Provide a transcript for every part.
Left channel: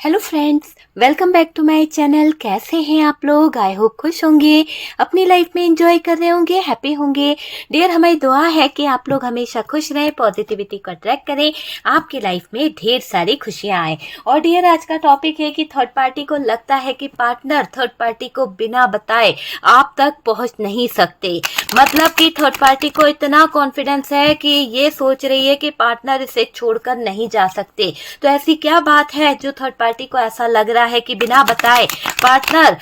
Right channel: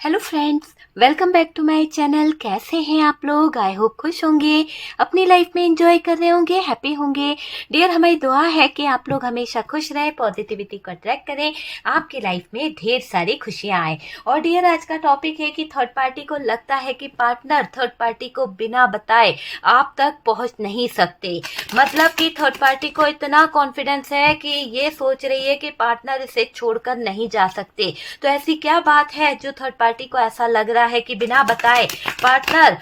Hello friends, welcome back to my channel. कैसे हैं आप लोग? आई होप खुश होंगे, अपनी लाइफ में एंजॉय कर रहे होंगे, हैप्पी होंगे। डियर, हमारी दुआ है कि आप लोग हमेशा खुश रहें, पॉजिटिविटी को अट्रैक्ट करें, आपकी लाइफ में ढेर सारी खुशियां आए। और डियर, आज का टॉपिक है कि थर्ड पार्टी को लगता है कि पार्टनर थर्ड पार्टी को बिना बताए आप तक पहुंच नहीं सकते। मतलब कि थर्ड पार्टी को इतना कॉन्फिडेंस है कि ये सोच रही है कि पार्टनर इसे छोड़कर नहीं जा सकते। तो ऐसी क्या बात है जो थर्ड पार्टी को ऐसा लग रहा है कि बिना बताए पार्टनर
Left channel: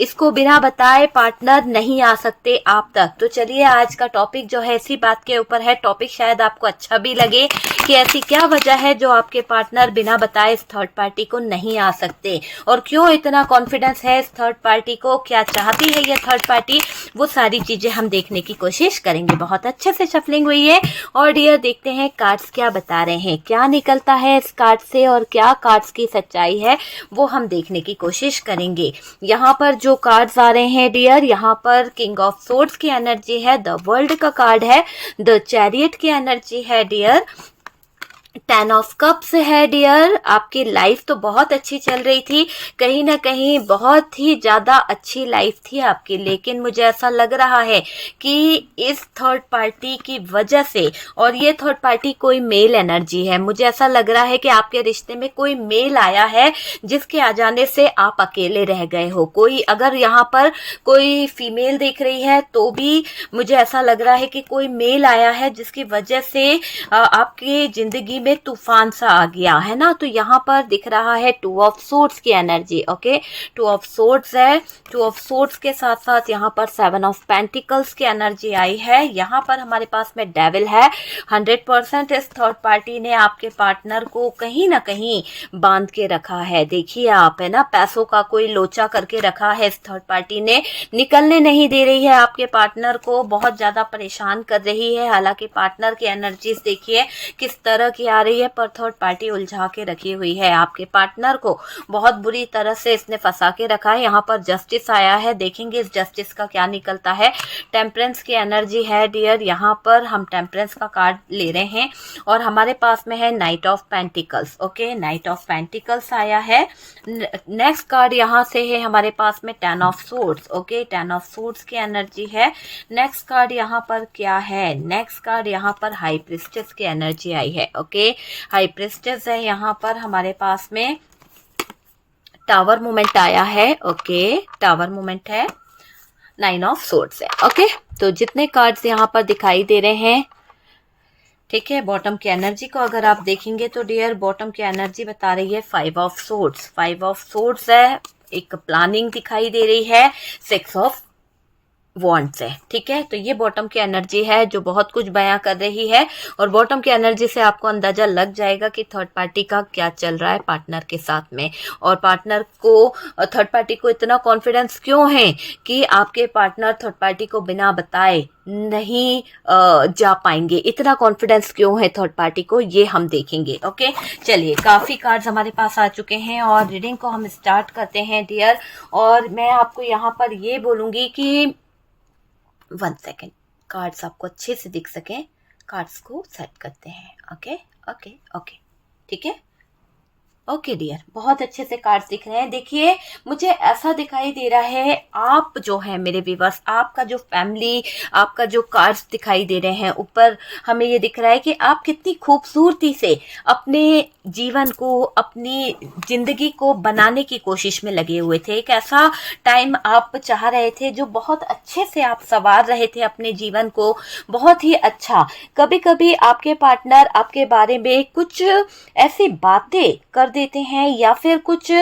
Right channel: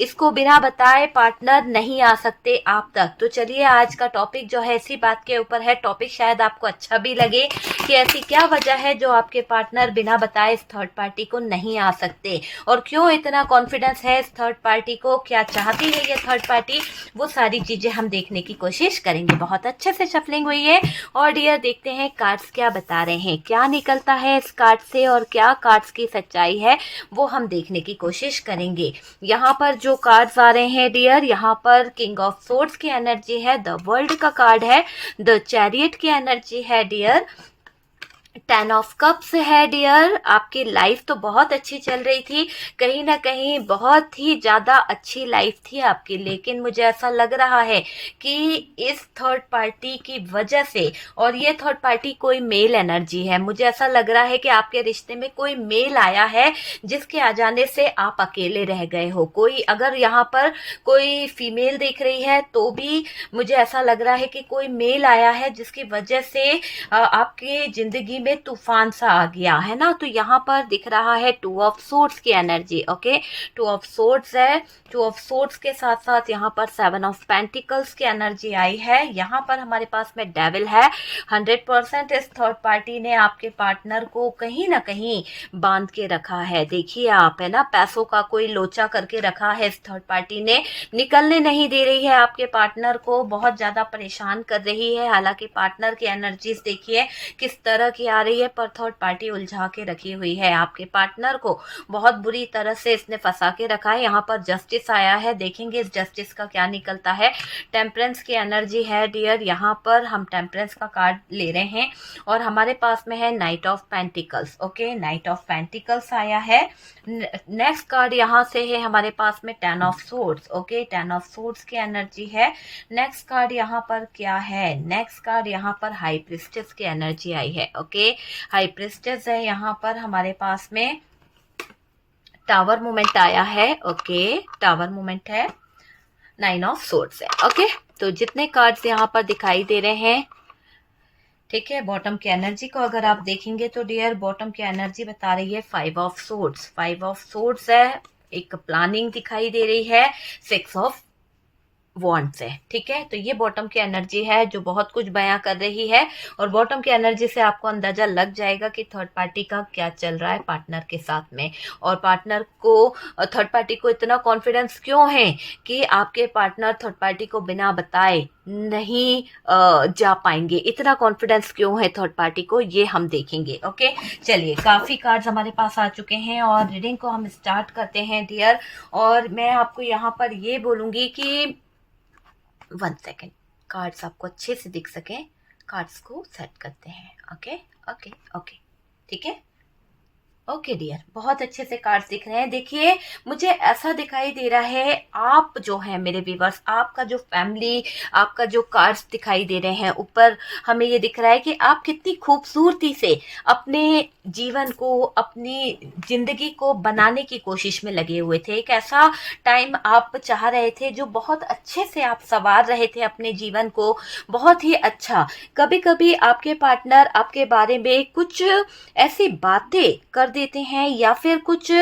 इसको बिना बताए पार्टनर नहीं आ सकते आप तक। तो चलिए, आज का टॉपिक जो है इसी बात के ऊपर है। टॉपिक शायद आपको अच्छा भी लगे कि ऐसी क्या वजह है जो आपके पार्टनर बिना बताए इस थर्ड पार्टी को नहीं आ सकते, और क्यों इतना कॉन्फिडेंस है इस थर्ड पार्टी को, क्या चाहती है ये थर्ड पार्टी, वो सारी चीजें हम देखने की कोशिश करेंगे। बहुत अच्छे से शफलिंग हुई है। और डियर, देखते हैं कार्ड्स क्या बता रहे हैं, क्या निकलता है इस कार्ड से और क्या कार्ड्स की सच्चाई है वो हम देखने की कोशिश करेंगे। यहाँ पर जो कार्ड्स आ रहे हैं डियर, यहाँ पर किंग ऑफ सोर्ड्स की एनर्जी है, द वर्ल्ड का कार्ड है, द चैरियट की एनर्जी है डियर, 10 ऑफ कप्स है डियर। आपकी लाइफ तो बहुत अच्छी चल रही थी, कहीं ना कहीं बहुत ही ज्यादा अच्छी लाइफ थी आपकी, लेकिन मुझे ऐसा लग रहा है कि इस थर्ड पार्टी की वजह से, और ये थर्ड पार्टी कोई मेल एनर्जी है, मुझे ऐसा लग रहा है कि आपके रिश्ते में कोई मेल आया है जिसके आ जाने से आप अकेले रह गए हो। कोई अगर यहाँ पर कोई फीमेल देख रही है तो भी मुझे ऐसा लग रहा है कि कोई मेल आया है जिसकी वजह से आपकी जिंदगी में तूफान सा आ गया है ना। तो यहाँ पर दिख रहा है 2 ऑफ सोर्ड्स की एनर्जी। ओके, 2 ऑफ सोर्ड्स है, 2 ऑफ सोर्ड्स के साथ साथ यहाँ पर 7 ऑफ पेंटिकल्स की एनर्जी आई है। यहाँ पर हमारे पास में डेविल है। 100% इस थर्ड पार्टी ने आपके पार्टनर को कहीं ना कहीं बांध के रखा है। देखिए आप, है ना, पैसों का कोई लोचा करके रखा है इस थर्ड पार्टी ने, निकलने नहीं दे रही है आपके पार्टनर को, बहुत ज्यादा परेशान कर रही है। हालांकि पार्टनर की एनर्जीज देखिए किस तरह की आ रही है, पर थर्ड पार्टी उलझा के रखी हुई है आपके पार्टनर को, बहुत बुरी तरह से इसने फंसा के रखा है। यहाँ पर जस्टिस आया है, देखेंगे इस जस्टिस का क्या निकलता है। टेम्परेंस की एनर्जी है डियर, यहाँ पर हम टेम्परेंस का कार्ड ले रहे हैं, और हमारे पास में है night of pentacles. Okay, night of pentacles आया है। नेक्स्ट कार्ड यहाँ से है हमारे पास में 10 of swords. Okay, 10 of swords की एनर्जी है। नेक्स्ट कार्ड यहाँ पर क्या है? नेक्स्ट कार्ड यहाँ पर हाई प्रिस्टेस की एनर्जी आई है। ओके, हाई प्रिस्टेस है, यहाँ पर हमारे पास में टावर मूवमेंट आया है। ओके, टावर मूवमेंट है, 9 ऑफ सोर्ड्स है। ओके, तो जितने कार्ड्स यहाँ पर दिखाई दे रहे हैं, ठीक है, बॉटम की एनर्जी को अगर आप देखेंगे तो डियर, बॉटम की एनर्जी बता रही है 5 ऑफ सोर्ड्स। 5 ऑफ सोर्ड्स है, एक प्लानिंग दिखाई दे रही है, 6 ऑफ वॉन्ट्स है। ठीक है, तो ये बॉटम की एनर्जी है जो बहुत कुछ बयां कर रही है, और बॉटम की एनर्जी से आपको अंदाजा लग जाएगा कि थर्ड पार्टी का क्या चल रहा है पार्टनर के साथ में, और पार्टनर को, थर्ड पार्टी को इतना कॉन्फिडेंस क्यों है कि आपके पार्टनर थर्ड पार्टी को बिना बताए नहीं जा पाएंगे। इतना कॉन्फिडेंस क्यों है थर्ड पार्टी को, ये हम देखेंगे। ओके, चलिए, काफी कार्ड्स हमारे पास आ चुके हैं और रीडिंग को हम स्टार्ट करते हैं डियर। और मैं आपको यहाँ पर ये बोलूंगी कि 1 सेकेंड, कार्ड्स आपको अच्छे से दिख सके, कार्ड्स को सेट करते हैं। ओके ओके ओके, ठीक है। ओके डियर, बहुत अच्छे से कार्ड्स दिख रहे हैं। देखिए, मुझे ऐसा दिखाई दे रहा है, आप जो है मेरे व्यूअर्स, आपका जो फैमिली, आपका जो कार्ड्स दिखाई दे रहे हैं ऊपर, हमें ये दिख रहा है कि आप कितनी खूबसूरती से अपने जीवन को, अपनी जिंदगी को बनाने की कोशिश में लगे हुए थे। एक ऐसा टाइम आप चाह रहे थे जो बहुत अच्छे से आप संवार रहे थे अपने जीवन को, बहुत ही अच्छा। कभी कभी आपके पार्टनर आपके बारे में कुछ ऐसी बातें कर देते हैं, या फिर कुछ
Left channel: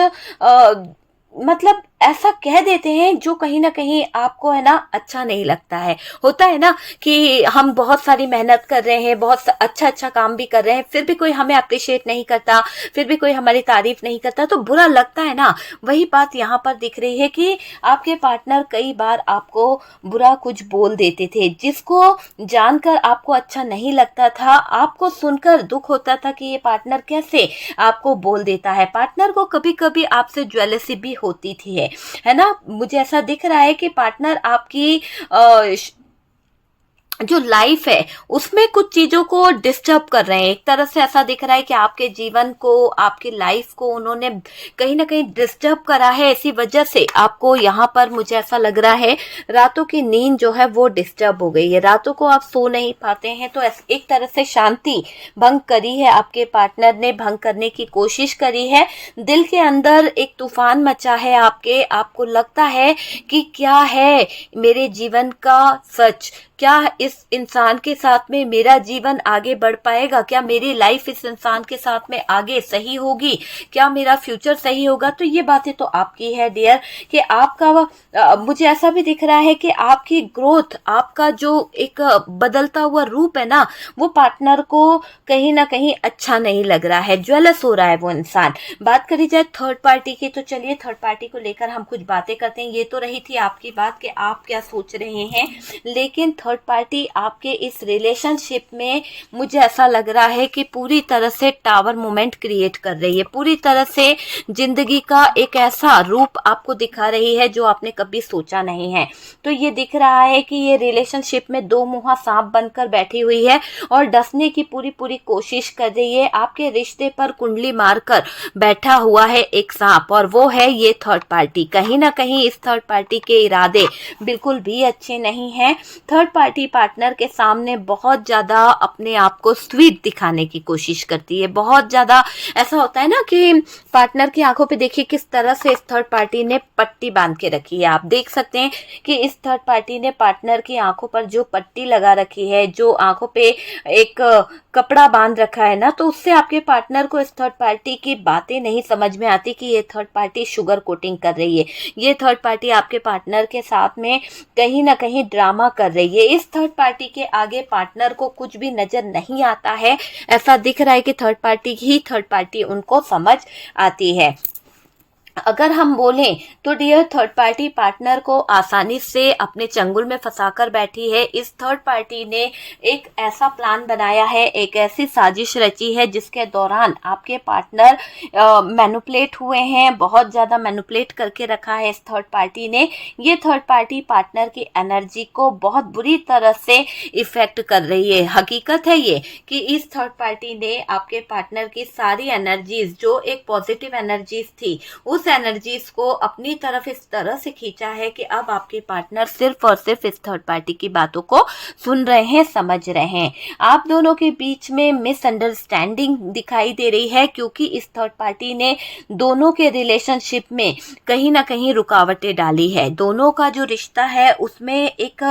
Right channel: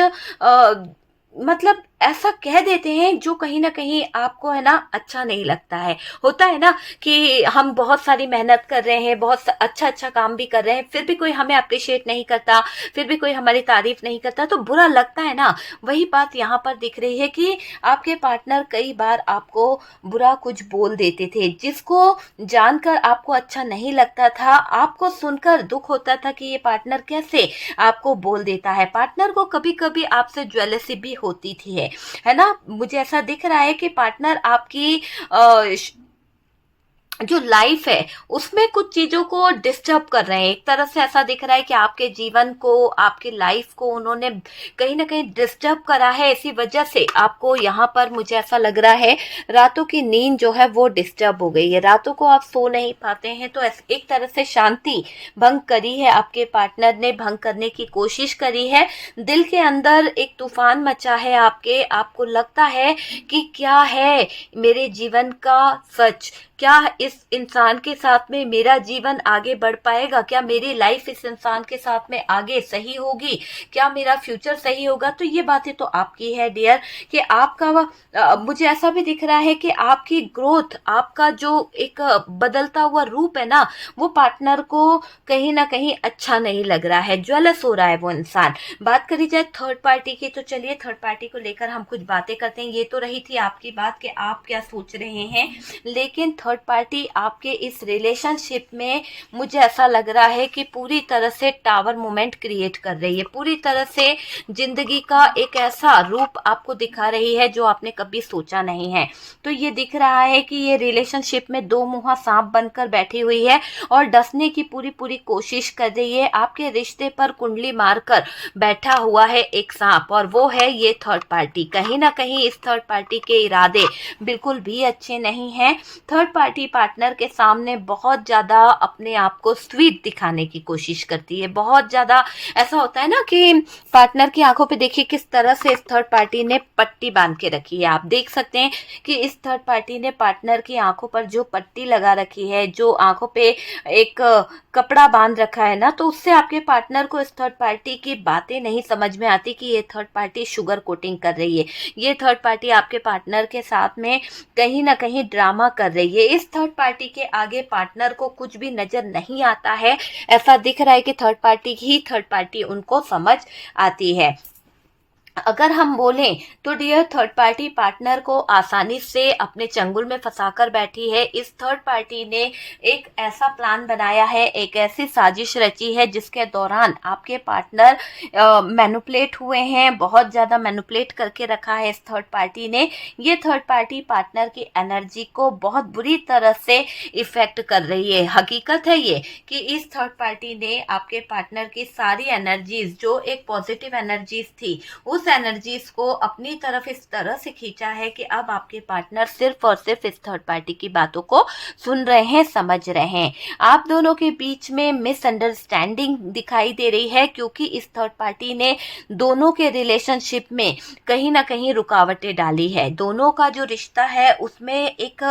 मतलब ऐसा कह देते हैं जो कहीं ना कहीं आपको, है ना, अच्छा नहीं लगता है। होता है ना कि हम बहुत सारी मेहनत कर रहे हैं, बहुत अच्छा अच्छा काम भी कर रहे हैं, फिर भी कोई हमें अप्रिशिएट नहीं करता, फिर भी कोई हमारी तारीफ नहीं करता, तो बुरा लगता है ना। वही बात यहाँ पर दिख रही है कि आपके पार्टनर कई बार आपको बुरा कुछ बोल देते थे, जिसको जानकर आपको अच्छा नहीं लगता था, आपको सुनकर दुख होता था कि ये पार्टनर कैसे आपको बोल देता है। पार्टनर को कभी कभी आपसे ज्वेलसी भी होती थी, है ना। मुझे ऐसा दिख रहा है कि पार्टनर आपकी जो लाइफ है उसमें कुछ चीजों को डिस्टर्ब कर रहे हैं। एक तरह से ऐसा दिख रहा है कि आपके जीवन को, आपकी लाइफ को उन्होंने कहीं ना कहीं डिस्टर्ब करा है। इसी वजह से आपको यहाँ पर मुझे ऐसा लग रहा है रातों की नींद जो है वो डिस्टर्ब हो गई है, रातों को आप सो नहीं पाते हैं। तो एक तरह से शांति भंग करी है, आपके पार्टनर ने भंग करने की कोशिश करी है। दिल के अंदर एक तूफान मचा है आपके, आपको लगता है कि क्या है मेरे जीवन का सच, क्या इस इंसान के साथ में मेरा जीवन आगे बढ़ पाएगा, क्या मेरी लाइफ इस इंसान के साथ में आगे सही होगी, क्या मेरा फ्यूचर सही होगा। तो ये बातें तो आपकी है डियर, कि आपका मुझे ऐसा भी दिख रहा है कि आपकी ग्रोथ, आपका जो एक बदलता हुआ रूप है ना, वो पार्टनर को कहीं ना कहीं अच्छा नहीं लग रहा है, ज्वेलस हो रहा है वो इंसान। बात करी जाए थर्ड पार्टी की, तो चलिए थर्ड पार्टी को लेकर हम कुछ बातें करते हैं। ये तो रही थी आपकी बात कि आप क्या सोच रहे हैं, लेकिन थर्ड पार्टी आपके इस रिलेशनशिप में मुझे ऐसा लग रहा है कि पूरी तरह से टावर मोमेंट क्रिएट कर रही है, पूरी तरह से जिंदगी का एक ऐसा रूप आपको दिखा रही है जो आपने कभी सोचा नहीं है। तो ये दिख रहा है कि ये रिलेशनशिप में दो मुंहा सांप बनकर बैठी हुई है और डसने की पूरी पूरी कोशिश कर रही है। आपके रिश्ते पर कुंडली मारकर बैठा हुआ है एक सांप, और वो है ये थर्ड पार्टी। कहीं ना कहीं इस थर्ड पार्टी के इरादे बिल्कुल भी अच्छे नहीं हैं। थर्ड पार्टी पार्टनर के सामने बहुत ज्यादा अपने आप को स्वीट दिखाने की कोशिश करती है, बहुत ज्यादा ऐसा होता है ना कि पार्टनर की आंखों पे देखिए किस तरह से इस थर्ड पार्टी ने पट्टी बांध के रखी है। आप देख सकते हैं कि इस थर्ड पार्टी ने पार्टनर की आंखों पर जो पट्टी लगा रखी है, जो आंखों पे एक कपड़ा बांध रखा है ना, तो उससे आपके पार्टनर को इस थर्ड पार्टी की बातें नहीं समझ में आती कि ये थर्ड पार्टी शुगर कोटिंग कर रही है, ये थर्ड पार्टी आपके पार्टनर के साथ में कहीं ना कहीं ड्रामा कर रही है। इस थर्ड पार्टी के आगे पार्टनर को कुछ भी नजर नहीं आता है, ऐसा दिख रहा है कि थर्ड पार्टी ही थर्ड पार्टी उनको समझ आती है। अगर हम बोलें तो डियर थर्ड पार्टी पार्टनर को आसानी से अपने चंगुल में फंसाकर बैठी है। इस थर्ड पार्टी ने एक ऐसा प्लान बनाया है, एक ऐसी साजिश रची है जिसके दौरान आपके पार्टनर मैनिपुलेट हुए हैं, बहुत ज्यादा मैनिपुलेट करके रखा है इस थर्ड पार्टी ने। ये थर्ड पार्टी पार्टनर की एनर्जी को बहुत बुरी तरह से इफेक्ट कर रही है। हकीकत है ये कि इस थर्ड पार्टी ने आपके पार्टनर की सारी एनर्जीज, जो एक पॉजिटिव एनर्जीज थी, उस एनर्जीज को अपनी तरफ इस तरह से खींचा है कि अब आपके पार्टनर सिर्फ और सिर्फ इस थर्ड पार्टी की बातों को सुन रहे हैं, समझ रहे हैं। आप दोनों के बीच में मिसअंडरस्टैंडिंग दिखाई दे रही है, क्योंकि इस थर्ड पार्टी ने दोनों के रिलेशनशिप में कहीं ना कहीं रुकावटें डाली है। दोनों का जो रिश्ता है उसमें एक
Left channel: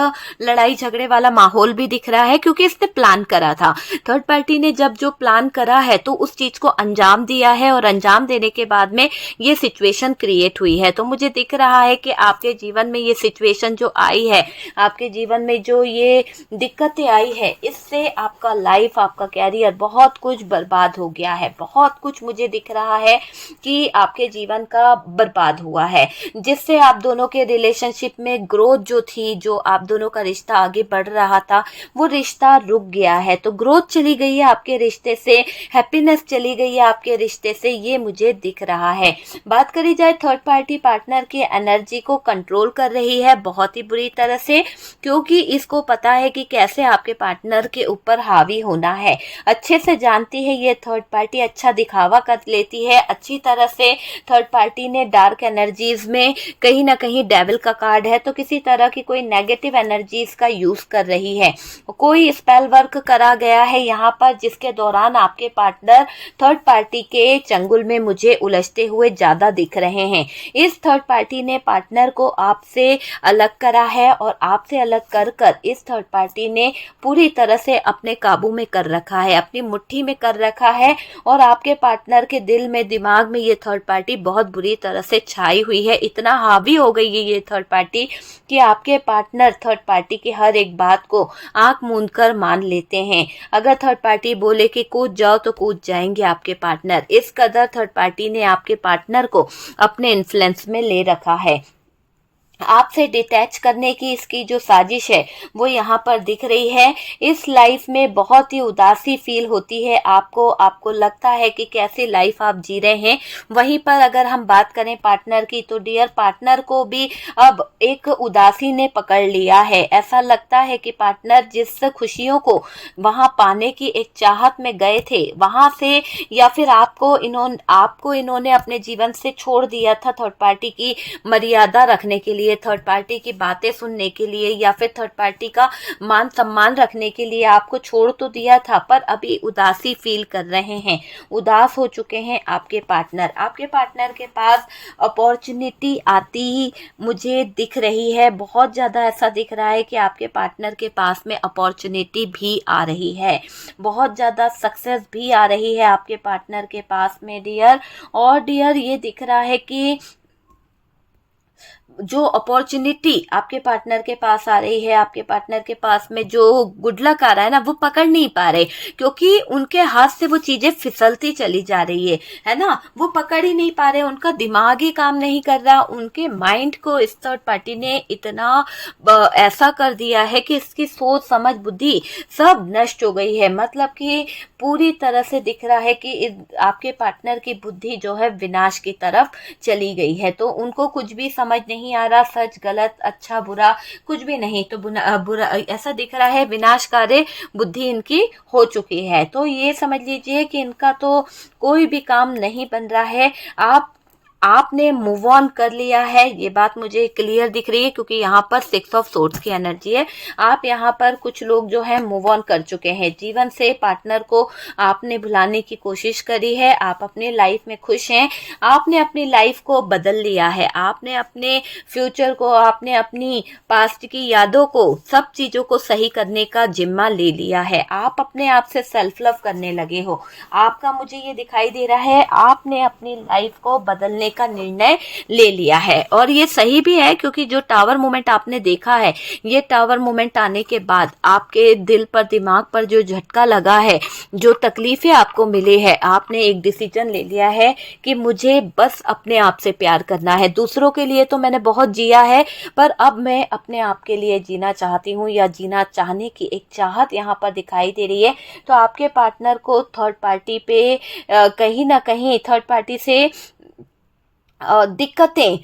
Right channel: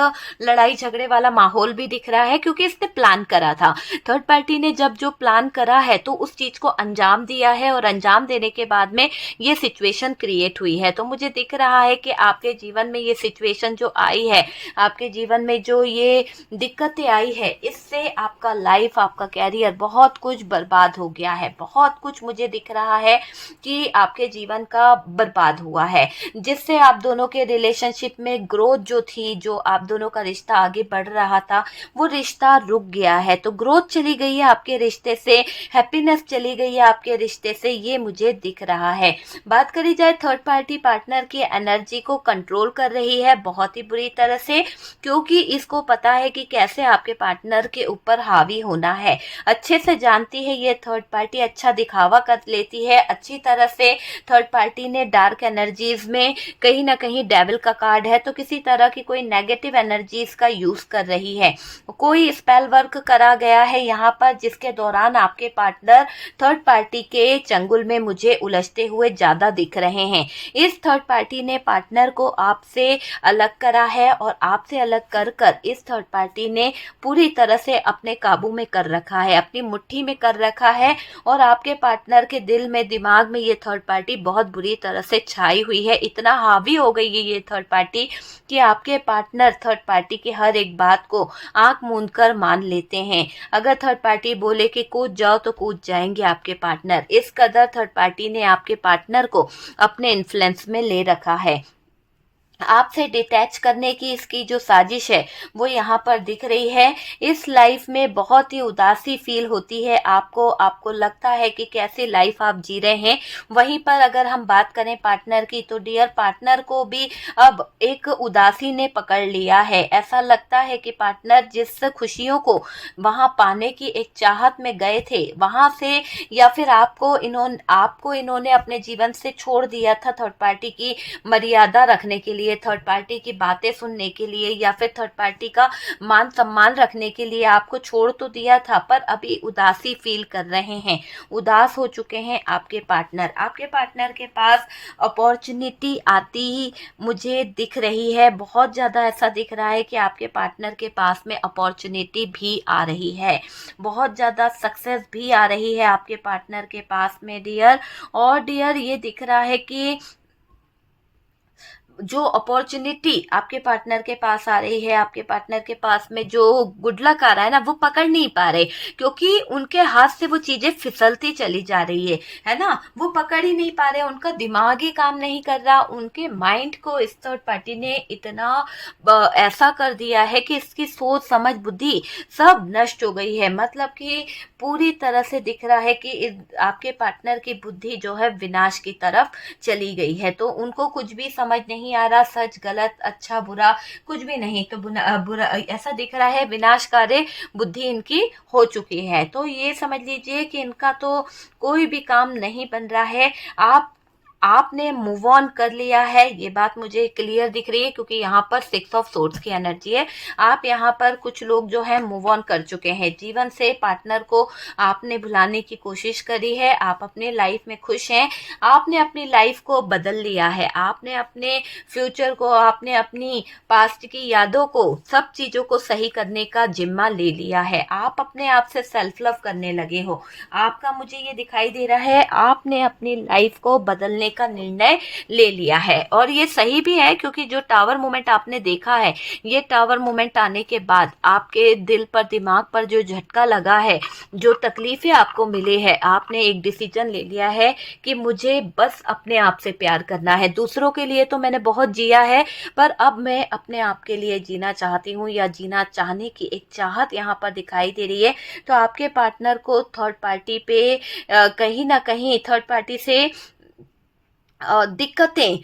लड़ाई झगड़े वाला माहौल भी दिख रहा है, क्योंकि इसने प्लान करा था। थर्ड पार्टी ने जब जो प्लान करा है तो उस चीज को अंजाम दिया है, और अंजाम देने के बाद में ये सिचुएशन क्रिएट हुई है। तो मुझे दिख रहा है कि आपके जीवन में ये सिचुएशन जो आई है, आपके जीवन में जो ये दिक्कतें आई है, इससे आपका लाइफ, आपका कैरियर, बहुत कुछ बर्बाद हो गया है। बहुत कुछ मुझे दिख रहा है कि आपके जीवन का बर्बाद हुआ है, जिससे आप दोनों के रिलेशनशिप में ग्रोथ जो थी, जो आप दोनों का रिश्ता आगे बढ़ रहा था, वो रिश्ता रुक गया है। तो ग्रोथ चली गई है आपके रिश्ते से, हैप्पीनेस चली गई है आपके रिश्ते से, ये मुझे दिख रहा है। बात करी जाए थर्ड पार्टी पार्टनर की एनर्जी को कंट्रोल कर रही है बहुत ही बुरी तरह से, क्योंकि इसको पता है कि कैसे आपके पार्टनर के ऊपर हावी होना है। अच्छे से जानती है ये थर्ड पार्टी, अच्छा दिखावा कर लेती है अच्छी तरह से। थर्ड पार्टी ने डार्क एनर्जीज में कहीं ना कहीं डेविल का कार्ड है, तो किसी तरह की कोई नेगेटिव एनर्जीज का यूज कर रही है। कोई स्पेल वर्क करा गया है यहाँ पर, जिसके दौरान आपके पार्टनर थर्ड पार्टी के चंगुल में मुझे उलझते हुए ज्यादा दिख रहे हैं। इस थर्ड पार्टी ने पार्टनर को आपसे अलग करा है, और आपसे अलग कर कर इस थर्ड पार्टी ने पूरी तरह से अपने काबू में कर रखा है, अपनी मुट्ठी में कर रखा है। और आपके पार्टनर के दिल में, दिमाग में ये थर्ड पार्टी बहुत बुरी तरह से छाई हुई है। इतना हावी हो गई है ये थर्ड पार्टी कि आपके पार्टनर थर्ड पार्टी की हर एक बात को आंख मूंद कर मान लेते हैं। अगर थर्ड पार्टी बोले कि कूद जाओ तो कूद जाएंगे आपके पार्टनर। इस कदर थर्ड पार्टी ने आपके पार्टनर को अपने इन्फ्लुएंस में ले रखा है। आपसे डिटैच करने की इसकी जो साजिश है वो यहाँ पर दिख रही है। इस लाइफ में बहुत ही उदासी फील होती है आपको, आपको लगता है कि कैसी लाइफ आप जी रहे हैं। वहीं पर अगर हम बात करें पार्टनर की, तो डियर पार्टनर को भी अब एक उदासी ने पकड़ लिया है। ऐसा लगता है कि पार्टनर जिस खुशियों को वहां पाने की एक चाहत में गए थे वहां से, या फिर आपको इन्होंने अपने जीवन से छोड़ दिया था थर्ड पार्टी की मर्यादा रखने के लिए, थर्ड पार्टी की बातें सुनने के लिए, या फिर थर्ड पार्टी का मान सम्मान रखने के लिए आपको छोड़ तो दिया था, पर अभी उदासी फील कर रहे हैं, उदास हो चुके हैं आपके पार्टनर। आपके पार्टनर के पास अपॉर्चुनिटी आती ही मुझे दिख रही है, बहुत ज़्यादा ऐसा दिख रहा है कि आपके पार्टनर के पास में अपॉर्चुनिटी भी आ रही है, बहुत ज़्यादा सक्सेस भी आ रही है आपके पार्टनर के पास में डियर। और डियर ये दिख रहा है कि जो अपॉर्चुनिटी आपके पार्टनर के पास आ रही है, आपके पार्टनर के पास में जो गुड लक आ रहा है ना, वो पकड़ नहीं पा रहे, क्योंकि उनके हाथ से वो चीजें फिसलती चली जा रही है ना, वो पकड़ ही नहीं पा रहे, उनका दिमाग ही काम नहीं कर रहा, उनके माइंड को इस थर्ड पार्टी ने इतना ऐसा कर दिया है कि इसकी सोच समझ बुद्धि सब नष्ट हो गई है। मतलब कि पूरी तरह से दिख रहा है कि आपके पार्टनर की बुद्धि जो है विनाश की तरफ चली गई है। तो उनको कुछ भी समझ नहीं आ रहा, सच गलत अच्छा बुरा कुछ भी नहीं, तो बुरा ऐसा दिख रहा है, विनाशकारी बुद्धि इनकी हो चुकी है। तो ये समझ लीजिए कि इनका तो कोई भी काम नहीं बन रहा है। आपने मूव ऑन कर लिया है, ये बात मुझे क्लियर दिख रही है, क्योंकि यहाँ पर 6 ऑफ सोर्ड्स की एनर्जी है। आप यहाँ पर कुछ लोग जो है मूव ऑन कर चुके हैं जीवन से, पार्टनर को आपने भुलाने की कोशिश करी है, आप अपने लाइफ में खुश हैं, आपने अपनी लाइफ को बदल लिया है, आपने अपने फ्यूचर को, आपने अपनी पास्ट की यादों को, सब चीजों को सही करने का जिम्मा ले लिया है। आप अपने आप से सेल्फ लव करने लगे हो। आपका मुझे ये दिखाई दे रहा है, आपने अपनी लाइफ को बदलने का निर्णय ले लिया है, और ये सही भी है, क्योंकि जो टावर मोमेंट आपने देखा है, ये टावर मोमेंट आने के बाद आपके दिल पर दिमाग पर जो झटका लगा है, जो तकलीफें आपको मिली है, आपने एक डिसीजन ले लिया है कि मुझे बस अपने आप से प्यार करना है। दूसरों के लिए तो मैंने बहुत जिया है, पर अब मैं अपने आप के लिए जीना चाहती हूँ, या जीना चाहने की एक चाहत यहाँ पर दिखाई दे रही है। तो आपके पार्टनर को थर्ड पार्टी पे कहीं ना कहीं थर्ड पार्टी से दिक्कतें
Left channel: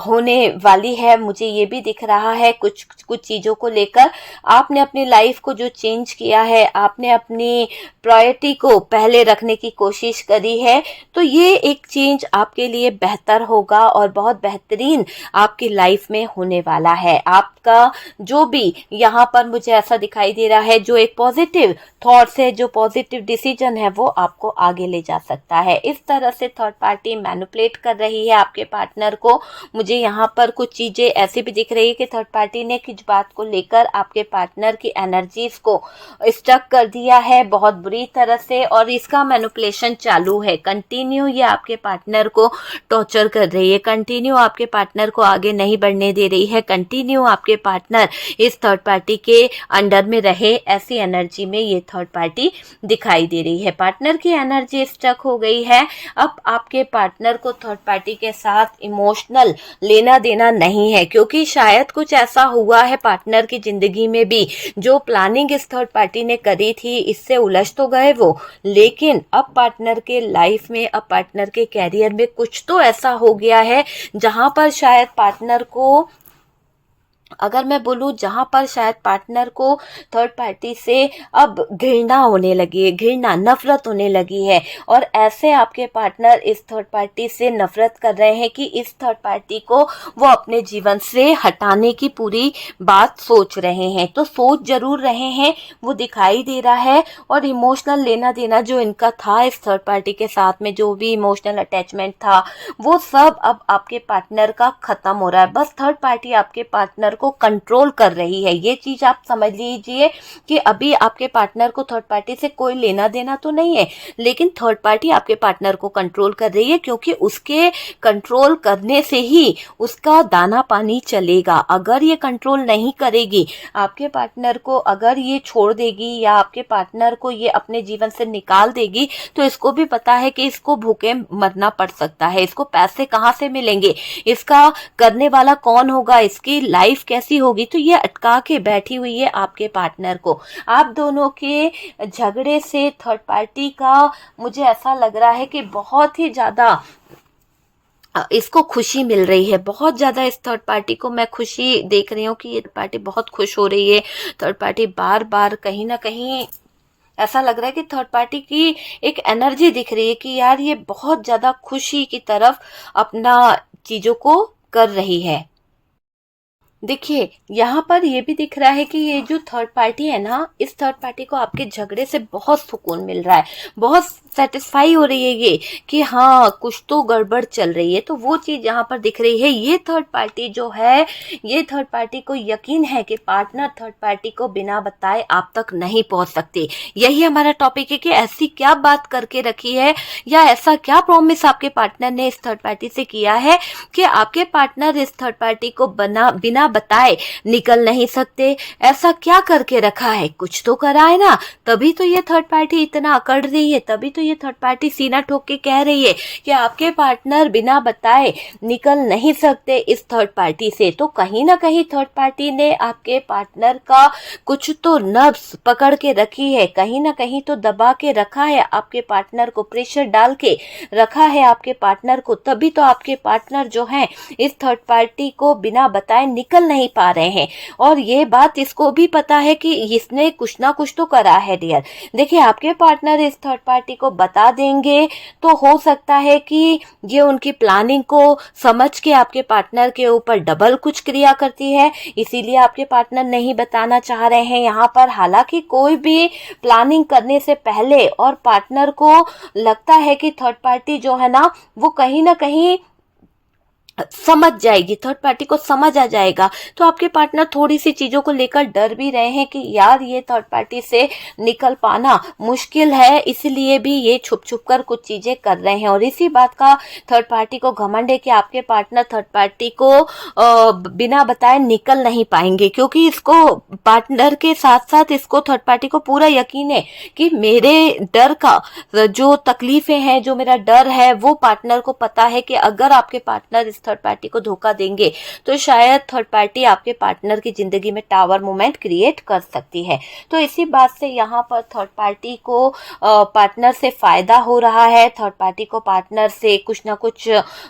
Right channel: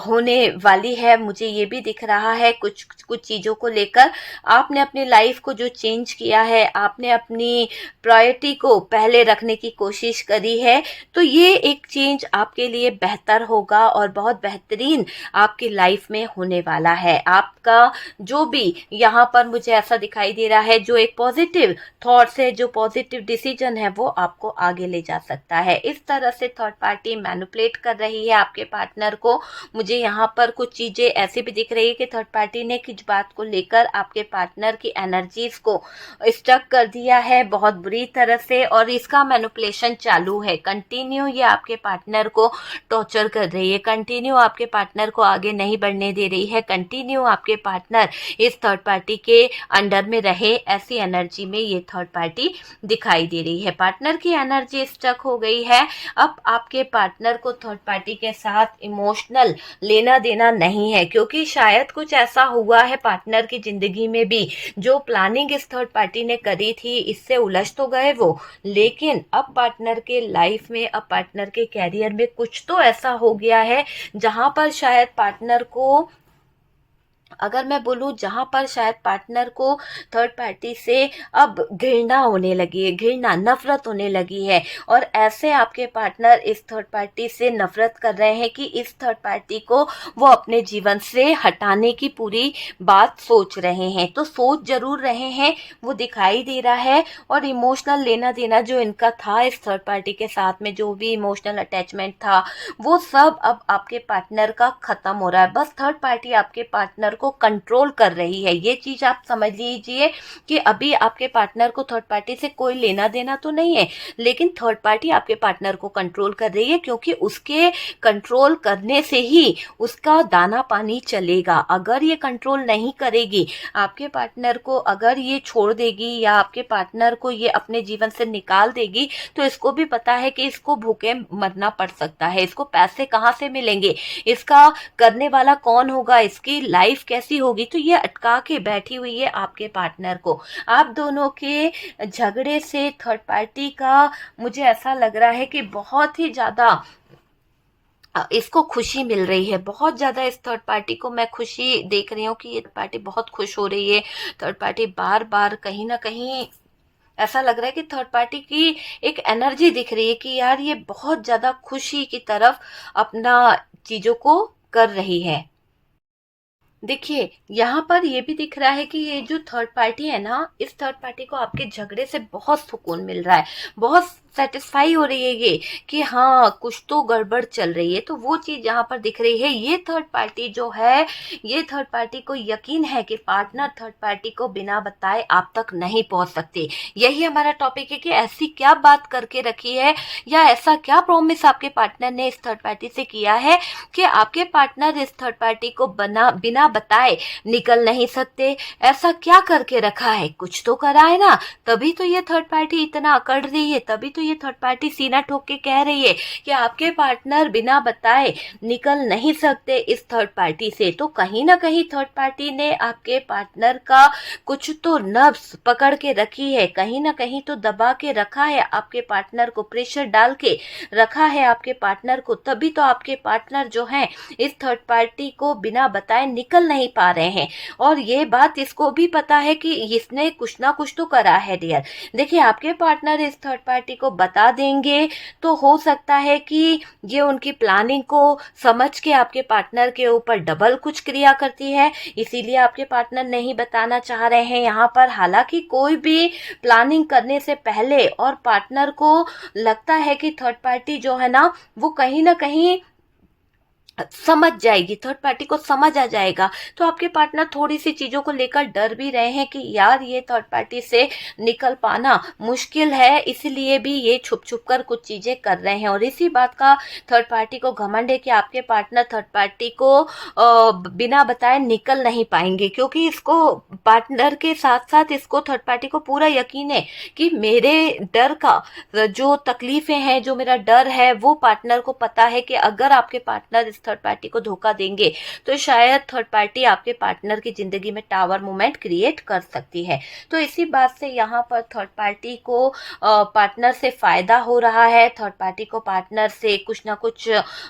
होने वाली है, मुझे ये भी दिख रहा है। कुछ कुछ चीज़ों को लेकर आपने अपनी लाइफ को जो चेंज किया है, आपने अपनी प्रायोरिटी को पहले रखने की कोशिश करी है, तो ये एक चेंज आपके लिए बेहतर होगा और बहुत बेहतरीन आपकी लाइफ में होने वाला है। आपका जो भी यहाँ पर मुझे ऐसा दिखाई दे रहा है, जो एक पॉजिटिव थॉट्स है, जो पॉजिटिव डिसीजन है, वो आपको आगे ले जा सकता है। इस तरह से थर्ड पार्टी मैनिपुलेट कर रही है आपके पार्टनर को। मुझे यहाँ पर कुछ चीजें ऐसी भी दिख रही है कि थर्ड पार्टी ने किस बात को लेकर आपके पार्टनर की एनर्जीज को स्टक कर दिया है बहुत बुरी तरह से, और इसका मैनिपुलेशन चालू है कंटिन्यू। ये आपके पार्टनर को टॉर्चर कर रही है, कंटिन्यू आपके पार्टनर को आगे नहीं बढ़ने दे रही है, कंटिन्यू आपके पार्टनर इस थर्ड पार्टी के अंडर में रहे, ऐसी एनर्जी में ये थर्ड पार्टी दिखाई दे रही है। पार्टनर की एनर्जी स्टक हो गई है। अब आपके पार्टनर को थर्ड पार्टी के साथ इमोशनल लेना देना नहीं है, क्योंकि शायद कुछ ऐसा हुआ है पार्टनर की जिंदगी में भी, जो प्लानिंग इस थर्ड पार्टी ने करी थी, इससे उलझ तो गए वो, लेकिन अब पार्टनर के लाइफ में, अब पार्टनर के कैरियर में कुछ तो ऐसा हो गया है जहां पर शायद पार्टनर को, अगर मैं बोलूं, जहां पर शायद पार्टनर को थर्ड पार्टी से अब घृणा होने लगी है, घृणा नफरत होने लगी है, और ऐसे आपके पार्टनर इस थर्ड पार्टी से नफरत कर रहे हैं कि इस थर्ड पार्टी को वो अपने जीवन से हटाने की पूरी बात सोच रहे हैं। तो सोच जरूर रहे हैं, वो दिखाई दे रहा है, और इमोशनल लेना देना जो इनका था इस थर्ड पार्टी के साथ में, जो भी इमोशनल अटैचमेंट था, वो सब अब आपके पार्टनर का खत्म हो रहा है। बस थर्ड पार्टी आपके पार्टनर को कंट्रोल कर रही है। ये चीज आप समझ लीजिए कि अभी आपके पार्टनर को थर्ड पार्टी से कोई लेना देना तो नहीं है, लेकिन थर्ड पार्टी आपके पार्टनर को कंट्रोल कर रही है, क्योंकि उसके कंट्रोल करने से ही उसका दाना पानी चलेगा। अगर ये कंट्रोल नहीं करेगी आपके पार्टनर को, अगर ये छोड़ देगी या आपके पार्टनर को ये अपने जीवन से निकाल देगी, तो इसको भी पता है कि इसको भूखे मरना पड़ सकता है। इसको पैसे कहाँ से मिलेंगे, इसका करने वाला कौन होगा, इसकी लाइफ कैसी होगी, तो ये अटका के बैठी हुई है आपके पार्टनर को। आप दोनों के झगड़े से थर्ड पार्टी का मुझे ऐसा लग रहा है कि बहुत ही ज्यादा इसको खुशी मिल रही है, बहुत ज्यादा इस थर्ड पार्टी को मैं खुशी देख रही हूँ कि ये पार्टी बहुत खुश हो रही है। थर्ड पार्टी बार बार कहीं ना कहीं ऐसा लग रहा है कि थर्ड पार्टी की एक एनर्जी दिख रही है कि यार ये बहुत ज्यादा खुशी की तरफ अपना चीजों को कर रही है। देखिए यहाँ पर ये भी दिख रहा है कि ये जो थर्ड पार्टी है ना, इस थर्ड पार्टी को आपके झगड़े से बहुत सुकून मिल रहा है, बहुत सेटिस्फाई हो रही है ये कि हाँ कुछ तो गड़बड़ चल रही है। तो वो चीज यहाँ पर दिख रही है। ये थर्ड पार्टी जो है, ये थर्ड पार्टी को यकीन है कि पार्टनर थर्ड पार्टी को बिना बताए आप तक नहीं पहुंच सकते। यही हमारा टॉपिक है कि ऐसी क्या बात करके रखी है या ऐसा क्या प्रॉमिस आपके पार्टनर ने इस थर्ड पार्टी से किया है कि आपके पार्टनर इस थर्ड पार्टी को बिना बताए निकल नहीं सकते। ऐसा क्या करके रखा है, कुछ तो करा है ना, तभी तो ये थर्ड पार्टी इतना अकड़ रही है, तभी तो ये थर्ड पार्टी सीना ठोक के कह रही है कि आपके पार्टनर बिना बताए निकल नहीं सकते इस थर्ड पार्टी से। तो कहीं ना कहीं थर्ड पार्टी ने आपके पार्टनर का कुछ तो नब्ज पकड़ के रखी है, कहीं ना कहीं तो दबा के रखा है आपके पार्टनर को, प्रेशर डाल के रखा है आपके पार्टनर को। तभी तो आपके पार्टनर जो है इस थर्ड पार्टी को बिना बताए निकल नहीं पा रहे हैं। और ये बात इसको भी पता है कि इसने कुछ ना कुछ तो करा है डियर। देखिए आपके पार्टनर इस थर्ड पार्टी को बता देंगे तो हो सकता है कि ये उनकी प्लानिंग को समझ के आपके पार्टनर के ऊपर डबल कुछ क्रिया करती है, इसीलिए आपके पार्टनर नहीं बताना चाह रहे हैं यहाँ पर। हालांकि कोई भी प्लानिंग करने से पहले और पार्टनर को लगता है कि थर्ड पार्टी जो है ना वो कहीं ना कहीं समझ जाएगी, थर्ड पार्टी को समझ आ जाएगा, तो आपके पार्टनर थोड़ी सी चीजों को लेकर डर भी रहे हैं कि यार ये थर्ड पार्टी से निकल पाना मुश्किल है, इसलिए भी ये छुप छुप कर कुछ चीजें कर रहे हैं। और इसी बात का थर्ड पार्टी को घमंड है कि आपके पार्टनर थर्ड पार्टी को बिना बताए निकल नहीं पाएंगे, क्योंकि इसको पार्टनर के साथ साथ इसको थर्ड पार्टी को पूरा यकीन है कि मेरे डर का जो तकलीफें हैं, जो मेरा डर है, वो पार्टनर को पता है कि अगर आपके पार्टनर इस थर्ड पार्टी को धोखा देंगे तो शायद थर्ड पार्टी आपके पार्टनर की जिंदगी में टावर मोमेंट क्रिएट कर सकती है। तो इसी बात से यहाँ पर थर्ड पार्टी को पार्टनर से फायदा हो रहा है, थर्ड पार्टी को पार्टनर से कुछ ना कुछ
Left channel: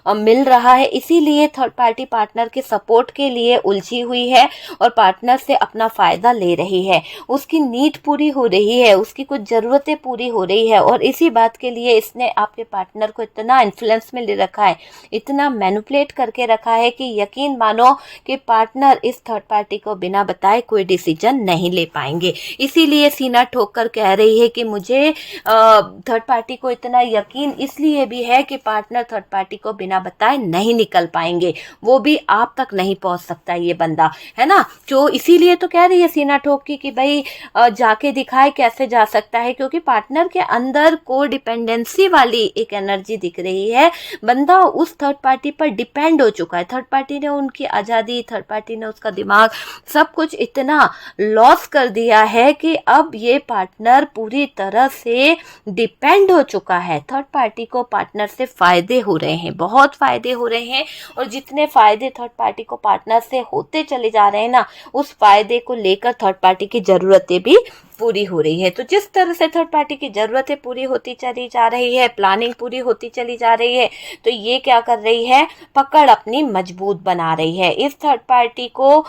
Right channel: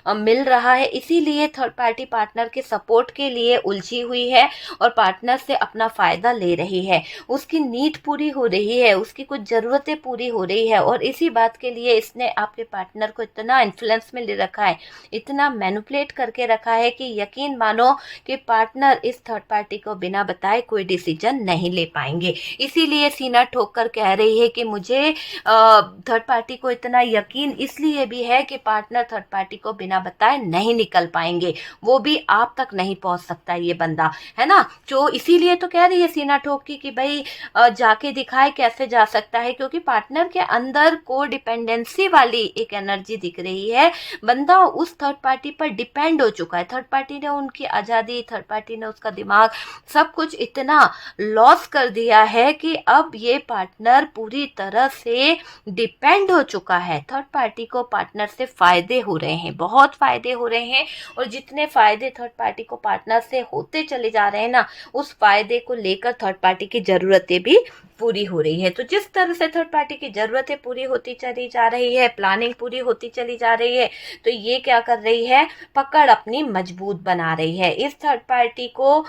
मिल रहा है, इसीलिए थर्ड पार्टी पार्टनर के सपोर्ट के लिए उलझी हुई है और पार्टनर से अपना फायदा ले रही है। उसकी नीड पूरी हो रही है, उसकी कुछ जरूरतें पूरी हो रही है, और इसी बात के लिए इसने आपके पार्टनर को इतना इन्फ्लुएंस में ले रखा है, इतना मैनिपुलेट करके रखा है कि यकीन मानो कि पार्टनर इस थर्ड पार्टी को बिना बताए कोई डिसीजन नहीं ले पाएंगे। इसीलिए सीना ठोक कर कह रही है कि मुझे थर्ड पार्टी को इतना यकीन इसलिए भी है कि पार्टनर थर्ड पार्टी को बिना बताए नहीं निकल पाएंगे, वो भी आप तक नहीं पहुंच सकता ये बंदा, है ना। जो इसीलिए तो कह रही है सीना ठोक की कि भाई जाके दिखाए कैसे जा सकता है, क्योंकि पार्टनर के अंदर को डिपेंडेंसी वाली एक एनर्जी दिख रही है। बंदा उस थर्ड पार्टी पर डिपेंड हो चुका है, थर्ड पार्टी ने उनकी आजादी, थर्ड पार्टी ने उसका दिमाग, सब कुछ इतना लॉस कर दिया है कि अब ये पार्टनर पूरी तरह से डिपेंड हो चुका है। थर्ड पार्टी को पार्टनर से फायदे हो रहे हैं, बहुत फायदे हो रहे हैं, और जितने फायदे थर्ड पार्टी को पार्टनर से होते चले जा रहे हैं ना, उस फायदे को लेकर थर्ड पार्टी की जरूरतें भी पूरी हो रही है। तो जिस तरह से थर्ड पार्टी की जरूरतें पूरी होती चली जा रही है, प्लानिंग पूरी होती चली जा रही है, तो ये क्या कर रही है, पकड़ अपनी मजबूत बना रही है। इस थर्ड पार्टी को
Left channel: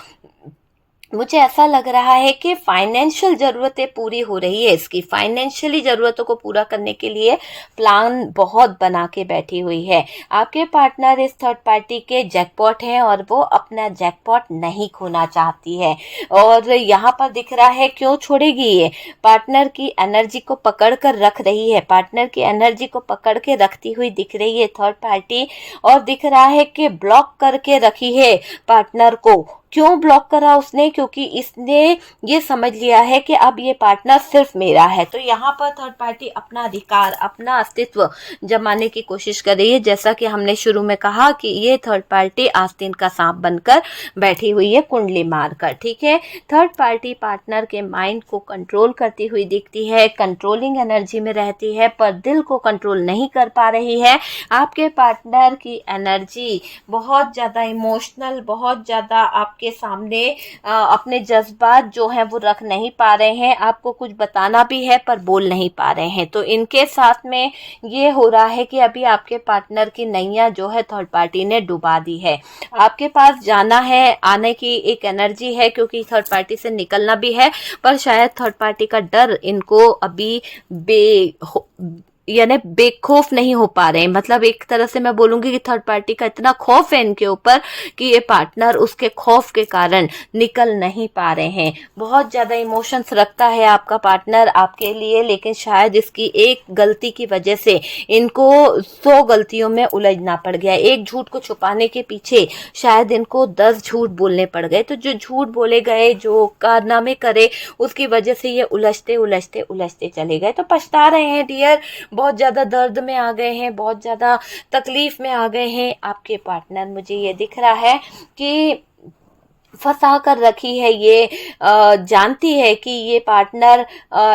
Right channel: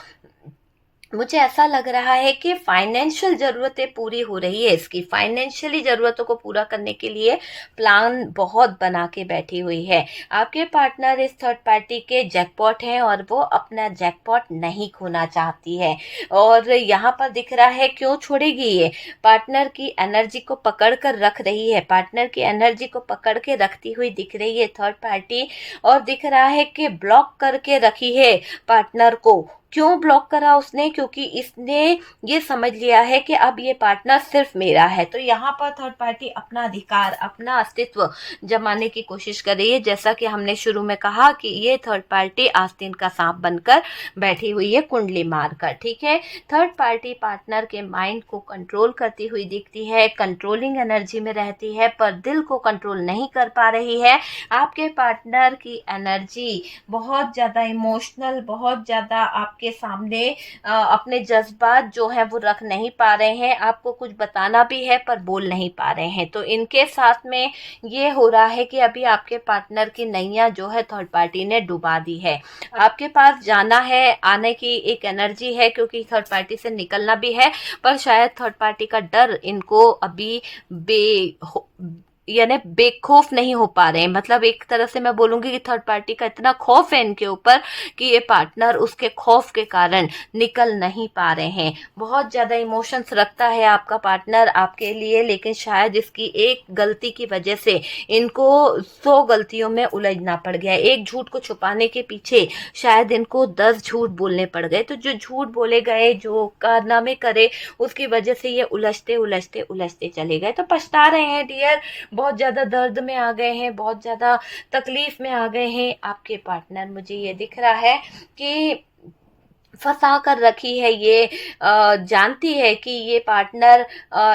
मुझे ऐसा लग रहा है कि फाइनेंशियल जरूरतें पूरी हो रही है, इसकी फाइनेंशियली जरूरतों को पूरा करने के लिए प्लान बहुत बना के बैठी हुई है। आपके पार्टनर इस थर्ड पार्टी के जैकपॉट हैं और वो अपना जैकपॉट नहीं खोना चाहती है, और यहाँ पर दिख रहा है क्यों छोड़ेगी ये, पार्टनर की एनर्जी को पकड़ कर रख रही है, पार्टनर की एनर्जी को पकड़ के रखती हुई दिख रही है थर्ड पार्टी, और दिख रहा है कि ब्लॉक करके रखी है पार्टनर को क्यों ब्लॉक करा उसने? क्योंकि इसने ये समझ लिया है कि अब ये पार्टनर सिर्फ मेरा है। तो यहाँ पर थर्ड पार्टी अपना अधिकार, अपना अस्तित्व जमाने की कोशिश कर रही है। जैसा कि हमने शुरू में कहा कि ये थर्ड पार्टी आस्तीन का सांप बनकर बैठी हुई है, कुंडली मारकर। ठीक है, थर्ड पार्टी पार्टनर के माइंड को कंट्रोल करती हुई दिखती है, कंट्रोलिंग एनर्जी में रहती है, पर दिल को कंट्रोल नहीं कर पा रही है। आपके पार्टनर की एनर्जी बहुत ज़्यादा इमोशनल, बहुत ज़्यादा आपके सामने अपने जज्बात जो हैं वो रख नहीं पा रहे हैं। आपको कुछ बताना भी है पर बोल नहीं पा रहे हैं। तो इनके साथ में ये हो रहा है कि अभी आपके पार्टनर की नैया जो है थर्ड पार्टी ने डुबा दी है। आपके पास जाना है, आने की एक एनर्जी है क्योंकि थर्ड पार्टी से निकलना भी है, पर शायद थर्ड पार्टी का डर इनको अभी यानी बेखौफ नहीं हो पा रहे हैं। मतलब एक तरह से मैं बोलूंगी कि थर्ड पार्टी का इतना खौफ है इनके ऊपर कि ये पार्टनर उसके खौफ के कारण निकल नहीं पा रहे हैं। बहुत ज्यादा इमोशंस रखता है आपका पार्टनर आपके लिए, लेकिन शायद इसकी एक गलती की वजह से इनको 100 गलतियों में उलझना पड़ गया। एक झूठ को छुपाने के पीछे शायद इनको 10 झूठ बोलने पड़ गए। तो जो झूठ बोले गए, जो कारनामे करे, उसकी वजह से ये उलझते उलझते उलझते चले गए। तो पछता रहे हैं डियर, बहुत ज्यादा दर्द में आ गए हैं, बहुत ज्यादा तकलीफ में आ गए हैं आपके पार्टनर। मुझे ये दिख रहा है कि फंसा कर रखी है ये, जानती है कि ये पार्टनर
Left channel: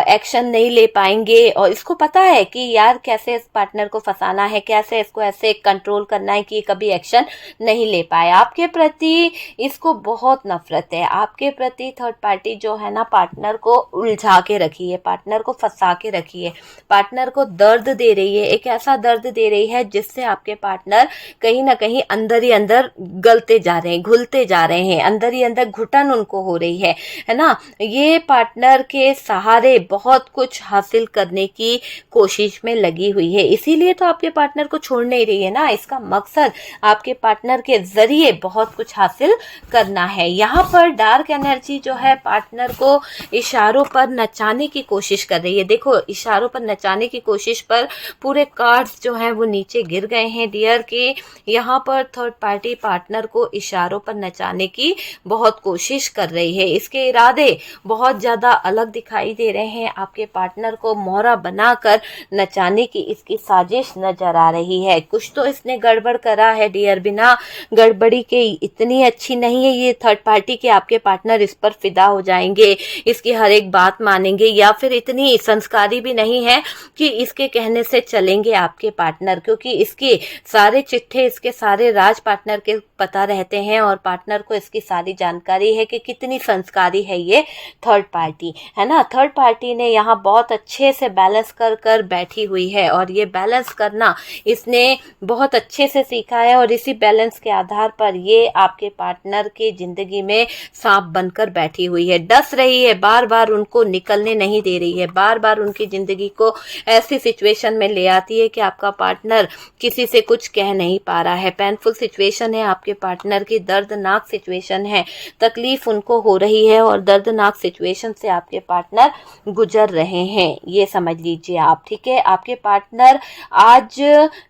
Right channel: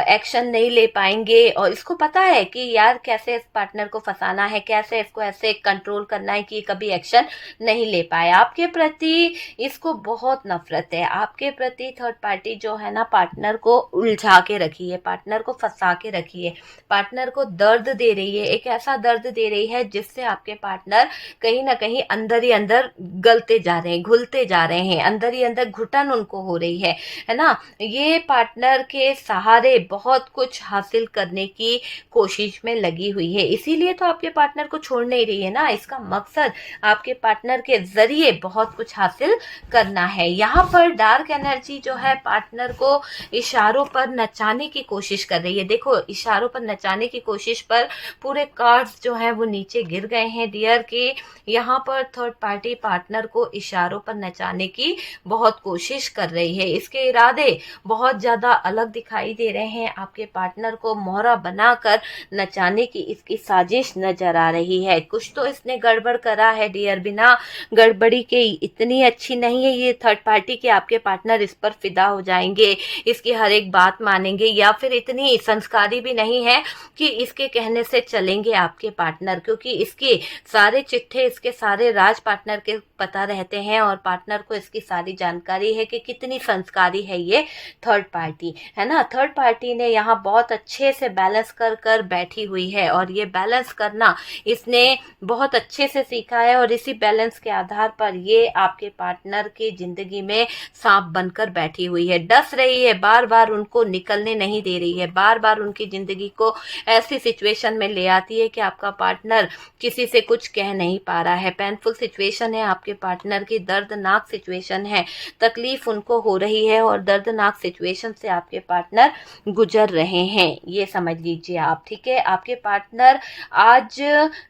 एक्शन नहीं ले पाएंगे और इसको पता है कि यार कैसे इस पार्टनर को फंसाना है, कैसे इसको ऐसे कंट्रोल करना है कि कभी एक्शन नहीं ले पाए। आपके प्रति इसको बहुत नफरत है। आपके प्रति थर्ड पार्टी जो है ना, पार्टनर को उलझा के रखी है, पार्टनर को फंसा के रखी है, पार्टनर को दर्द दे रही है, एक ऐसा दर्द दे रही है जिससे आपके पार्टनर कहीं ना कहीं अंदर ही अंदर गलते जा रहे हैं, घुलते जा रहे हैं, अंदर ही अंदर घुटन उनको हो रही है ना। ये पार्टनर के सहारे बहुत कुछ हासिल करने की कोशिश में लगी हुई है, इसीलिए तो आपके पार्टनर को छोड़ नहीं रही है ना। इसका मकसद आपके पार्टनर के जरिए बहुत कुछ हासिल करना है। यहाँ पर डार्क एनर्जी जो है पार्टनर को इशारों पर नचाने की कोशिश कर रही है। देखो, इशारों पर नचाने की कोशिश पर पूरे कार्ड्स जो है वो नीचे गिर गए हैं डियर के। यहाँ पर थर्ड पार्टी पार्टनर को इशारों पर नचाने की बहुत कोशिश कर रही है। इसके इरादे बहुत ज्यादा अलग दिखाई दे रहे हैं। आपके पार्टनर को मोहरा बनाकर नचाने की इसकी साजिश नजर आ रही है। कुछ तो इसने गड़बड़ करा है डियर, बिना गड़बड़ी के इतनी अच्छी नहीं है ये थर्ड पार्टी के आपके पार्टनर इस पर फिदा हो जाएंगे, इसकी हर एक बात मानेंगे, या फिर इतनी संस्कारी भी नहीं है कि इसके कहने से चलेंगे आपके पार्टनर, क्योंकि इसके सारे चिट्ठे, इसके सारे राज पार्टनर के पता रहते हैं और पार्टनर को इसकी सारी जानकारी है कि कितनी संस्कारी है ये थर्ड पार्टी, है ना। थर्ड पार्टी ने यहाँ बहुत अच्छे से बैलेंस कर कर बैठी हुई है और ये बैलेंस करना इसने बहुत अच्छे से सीखा है और इसी बैलेंस के आधार पर ये आपके पार्टनर के जिंदगी में सांप बनकर बैठी हुई है, डस रही है, बार बार उनको निकलने नहीं दे रही है, बार बार उनकी जिंदगी को ऐसी सिचुएशन में ले आती है कि आपका पार्टनर किसी से कुछ कह नहीं पा रहा है। पेनफुल सिचुएशन है आपके पार्टनर की, दर्दनाक सिचुएशन है, तकलीफ उनको हो रही है और दर्दनाक सिचुएशन से आपके पार्टनर गुजर रहे हैं, ये समझ लीजिए आप। ठीक है, आपके पार्टनर आज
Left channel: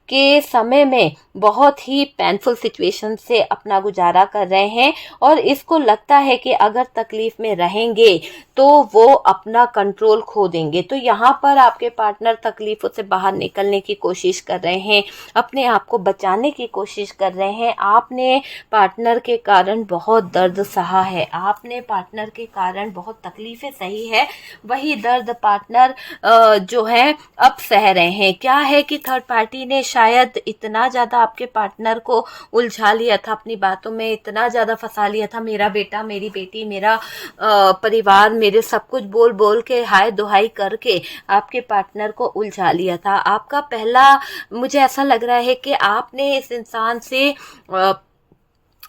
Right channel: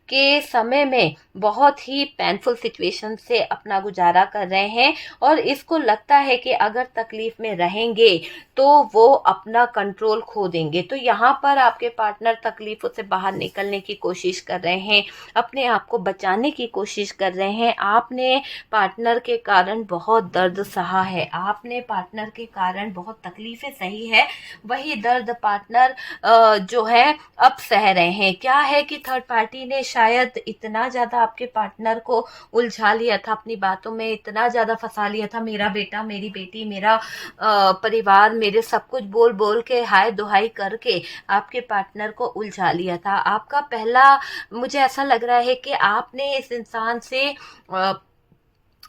के समय में बहुत ही पेनफुल सिचुएशन से अपना गुजारा कर रहे हैं और इसको लगता है कि अगर तकलीफ में रहेंगे तो वो अपना कंट्रोल खो देंगे। तो यहाँ पर आपके पार्टनर तकलीफों से बाहर निकलने की कोशिश कर रहे हैं, अपने आप को बचाने की कोशिश कर रहे हैं। आपने पार्टनर के कारण बहुत दर्द सहा है, आपने पार्टनर के कारण बहुत तकलीफें सही है, वही दर्द पार्टनर जो है अब सह रहे हैं। क्या है कि थर्ड पार्टी ने शायद इतना ज्यादा आपके पार्टनर को उलझा लिया था, अपनी बातों में इतना ज्यादा फंसा लिया था, मेरा बेटा, मेरी बेटी, मेरा परिवार, मेरे सब कुछ बोल बोल के, हाय दुहाई करके आपके पार्टनर को उलझा लिया था। आपका पहला, मुझे ऐसा लग रहा है कि आपने इस इंसान से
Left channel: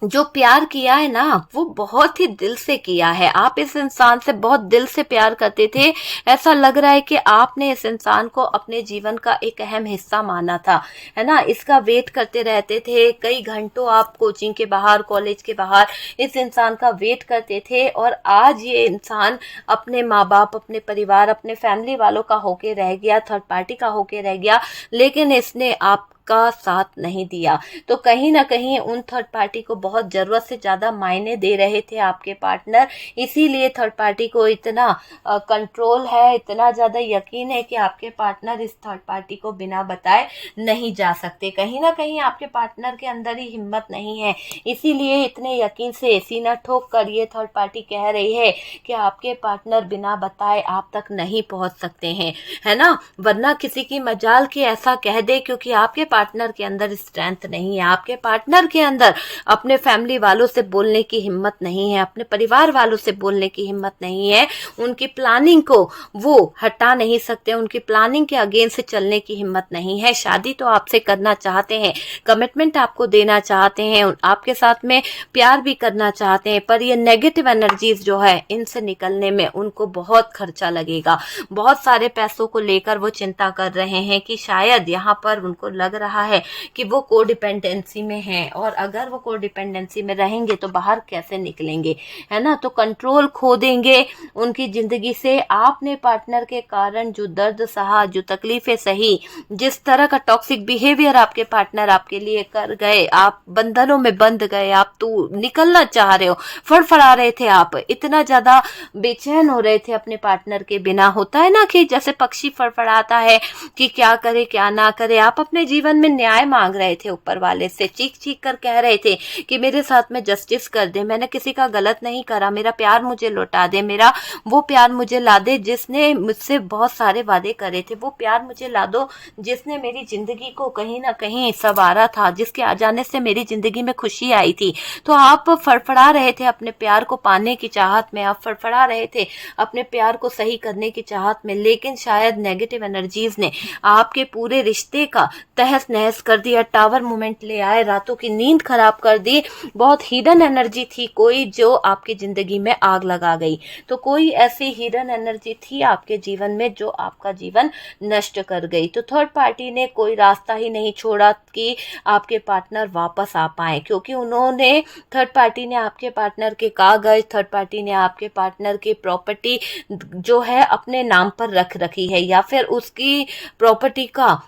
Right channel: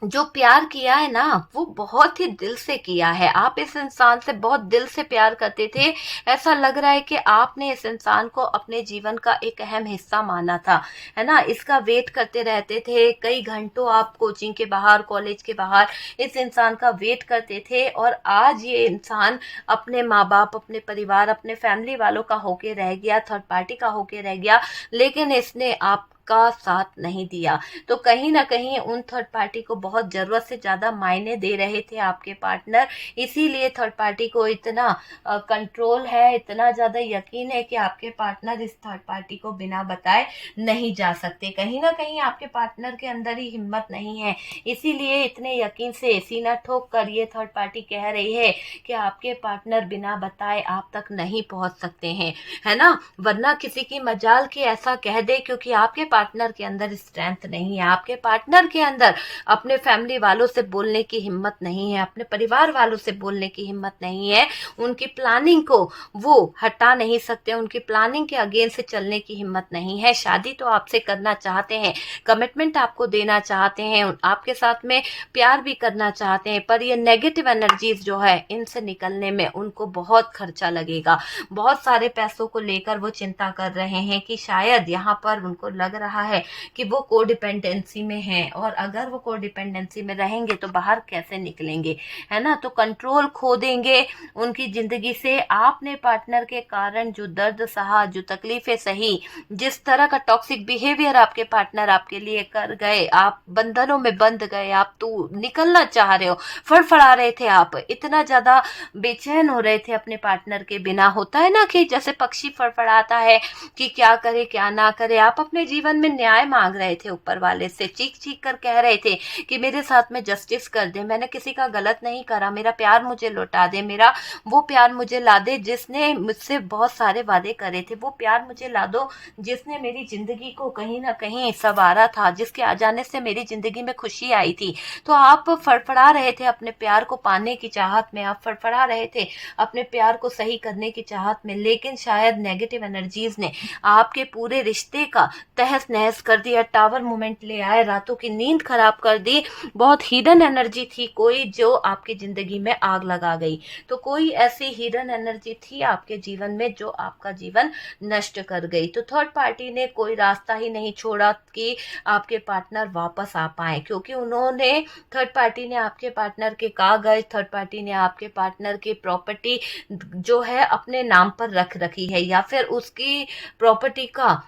जो प्यार किया है ना वो बहुत ही दिल से किया है। आप इस इंसान से बहुत दिल से प्यार करते थे। ऐसा लग रहा है कि आपने इस इंसान को अपने जीवन का एक अहम हिस्सा माना था, है ना। इसका वेट करते रहते थे, कई घंटों आप कोचिंग के बाहर, कॉलेज के बाहर इस इंसान का वेट करते थे और आज ये इंसान अपने माँ बाप, अपने परिवार, अपने फैमिली वालों का होके रह गया, थर्ड पार्टी का होके रह गया, लेकिन इसने आप आपका साथ नहीं दिया, तो कहीं ना कहीं उन थर्ड पार्टी को बहुत ज़रूरत से ज़्यादा मायने दे रहे थे आपके पार्टनर। इसीलिए थर्ड पार्टी को इतना कंट्रोल है, इतना ज़्यादा यकीन है कि आपके पार्टनर इस थर्ड पार्टी को बिना बताए नहीं जा सकते। कहीं ना कहीं आपके पार्टनर के अंदर ही हिम्मत नहीं है, इसीलिए इतने यकीन से सीना ठोक कर ये थर्ड पार्टी कह रही है कि आपके पार्टनर बिना बताए आप तक नहीं पहुंच सकते हैं, है ना। वरना किसी की मजाल कि ऐसा कह दे, क्योंकि आपके पार्टनर के अंदर स्ट्रेंथ नहीं है, आपके पार्टनर के अंदर अपने फैमिली वालों से बोलने की हिम्मत नहीं है, अपने परिवार वालों से बोलने की हिम्मत नहीं है, उनकी प्लानिंग को वो हटा नहीं सकते, उनकी प्लानिंग के अगेंस्ट चलने की हिम्मत नहीं है। शादी तो आपसे करना चाहते हैं, कमिटमेंट आपको देना चाहते हैं, आपके साथ में प्यार भी करना चाहते हैं, पर ये नेगेटिव एनर्जीज जो है इनसे निकलने में उनको बहुत खर्चा लगेगा। बहुत सारे पैसों को लेकर वो चिंता कर रहे हैं कि शायद यहाँ पर उनको लग रहा है कि वो कोडिपेंडेंसी में हैं, और अगर वो कोडिपेंडेंसी में रहेंगे तो बाहर कैसे निकलेंगे, है ना। तो कंट्रोल खो देंगे उनकी जिंदगी से। आपने पार्टनर के कारण जो दर्द सहा, जो तकलीफें सही, जिस तरह का टॉक्सिक बिहेवियर आपके पार्टनर आपके लिए कर गए, आप बंधनों में बंध गए, आप तो निकलना चाह रहे हो, फड़फड़ा रहे थे, आप इतना ज्यादा बेचैन हो रहे थे अपने पार्टनर के बिना। होता है ना कि जैसे पक्षी फड़फड़ाता है कि क्या करे क्या ना करे, आप अपने जीवन में न्याय मांग रहे थे ऊपर वाले से, चीख चीख कर कह रहे थे कि मेरे साथ में जस्टिस कर दे, मैंने किसी का गलत नहीं करा, मेरा प्यार मुझे लौटा दे, मेरा वो प्यार मुझे ला दे जिसने मुझसे बहुत सारे वादे करे थे, वो प्यार मुझे ला दो जिसने मेरी जिंदगी को कहीं ना कहीं संवारा था, जिसके आ जाने से मेरी जिंदगी में खुशी आई थी। तो आप फड़फड़ा रहे थे अपने प्यार को पाने की चाहत में, आप फड़फड़ा रहे थे अपने प्यार को सही करने की चाहत में, लेकिन शायद नेगेटिव एनर्जीज ने आपके पूरे रिश्ते का तहस नहस कर दिया, टावर मूवमेंट ले आए, रातों की नींद खराब कर दी। बहुत हिडन एनर्जी थी कोई जो आपकी जिंदगी में आग लगा गई, तो कोई ऐसी हिडन एनर्जी थी आपके जीवन में जो आपका जीवन नष्ट कर गई। तो थर्ड पार्टी ने कोई रास्ता ही नहीं छोड़ा कि आपके पार्टनर वापस आ पाए, क्योंकि उन्होंने, थर्ड पार्टी ने आपके पार्टनर के कागज, थर्ड पार्टी ने आपके पार्टनर की प्रॉपर्टी जो है अपने नाम पर रख रखी है, या फिर उसकी प्रॉपर्टी का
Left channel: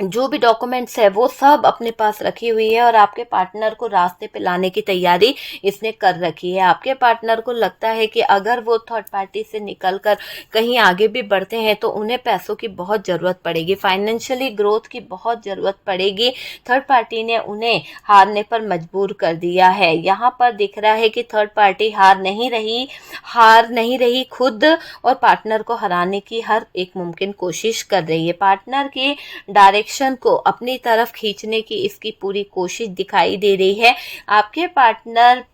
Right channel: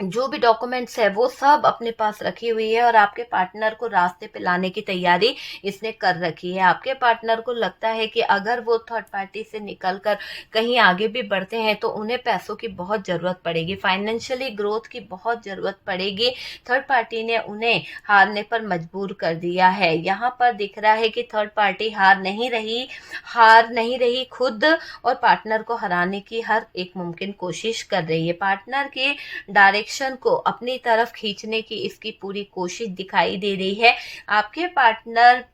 जो भी डॉक्यूमेंट्स है वो सब अपने पास रखी हुई है, और आपके पार्टनर को रास्ते पे लाने की तैयारी इसने कर रखी है। आपके पार्टनर को लगता है कि अगर वो थर्ड पार्टी से निकलकर कहीं आगे भी बढ़ते हैं तो उन्हें पैसों की बहुत ज़रूरत पड़ेगी, फाइनेंशियली ग्रोथ की बहुत ज़रूरत पड़ेगी। थर्ड पार्टी ने उन्हें हारने पर मजबूर कर दिया है। यहाँ पर दिख रहा है कि थर्ड पार्टी हार नहीं रही, खुद और पार्टनर को हराने की हर एक मुमकिन कोशिश कर रही है। पार्टनर की डायरेक्शन को अपनी तरफ खींचने की इसकी पूरी कोशिश दिखाई दे रही है। आपके पार्टनर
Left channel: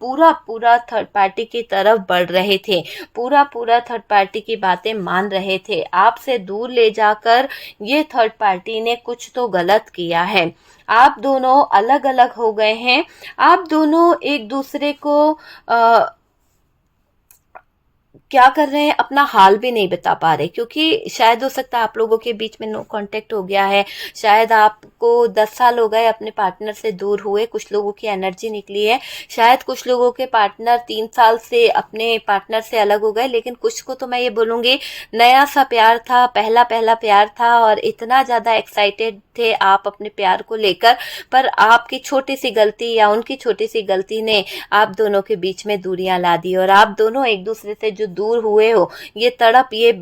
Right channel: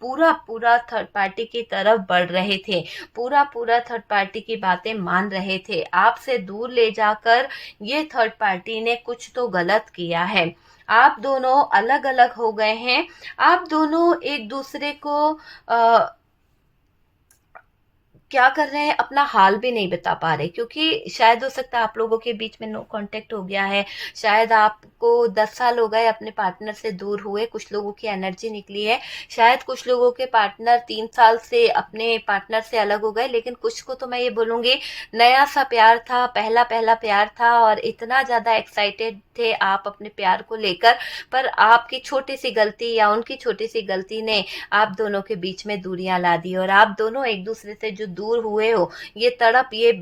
पूरा थर्ड पार्टी की तरफ बढ़ रहे थे, पूरा थर्ड पार्टी की बातें मान रहे थे। आपसे दूर ले जाकर ये थर्ड पार्टी ने कुछ तो गलत किया है। आप दोनों अलग अलग हो गए हैं, आप दोनों एक दूसरे को क्या कर रहे हैं, अपना हाल भी नहीं बता पा रहे, क्योंकि शायद हो सकता है आप लोगों के बीच में नो कांटेक्ट हो गया है, शायद आपको 10 साल हो गए अपने पार्टनर से दूर हुए, कुछ लोगों की एनर्जी निकली है, शायद कुछ लोगों के पार्टनर 3 साल से अपने पार्टनर से अलग हो गए, लेकिन कुछ को तो मैं ये बोलूंगी नया सा प्यार था, पहला प्यार था, और इतना ज्यादा एक्साइटेड थे आप अपने प्यार को लेकर, पर आपकी छोटी सी गलती या उनकी छोटी सी गलती ने आप दोनों के बीच में दूरियां ला दी, और आप दोनों एक दूसरे से जो दूर हुए हो, ये तड़प, ये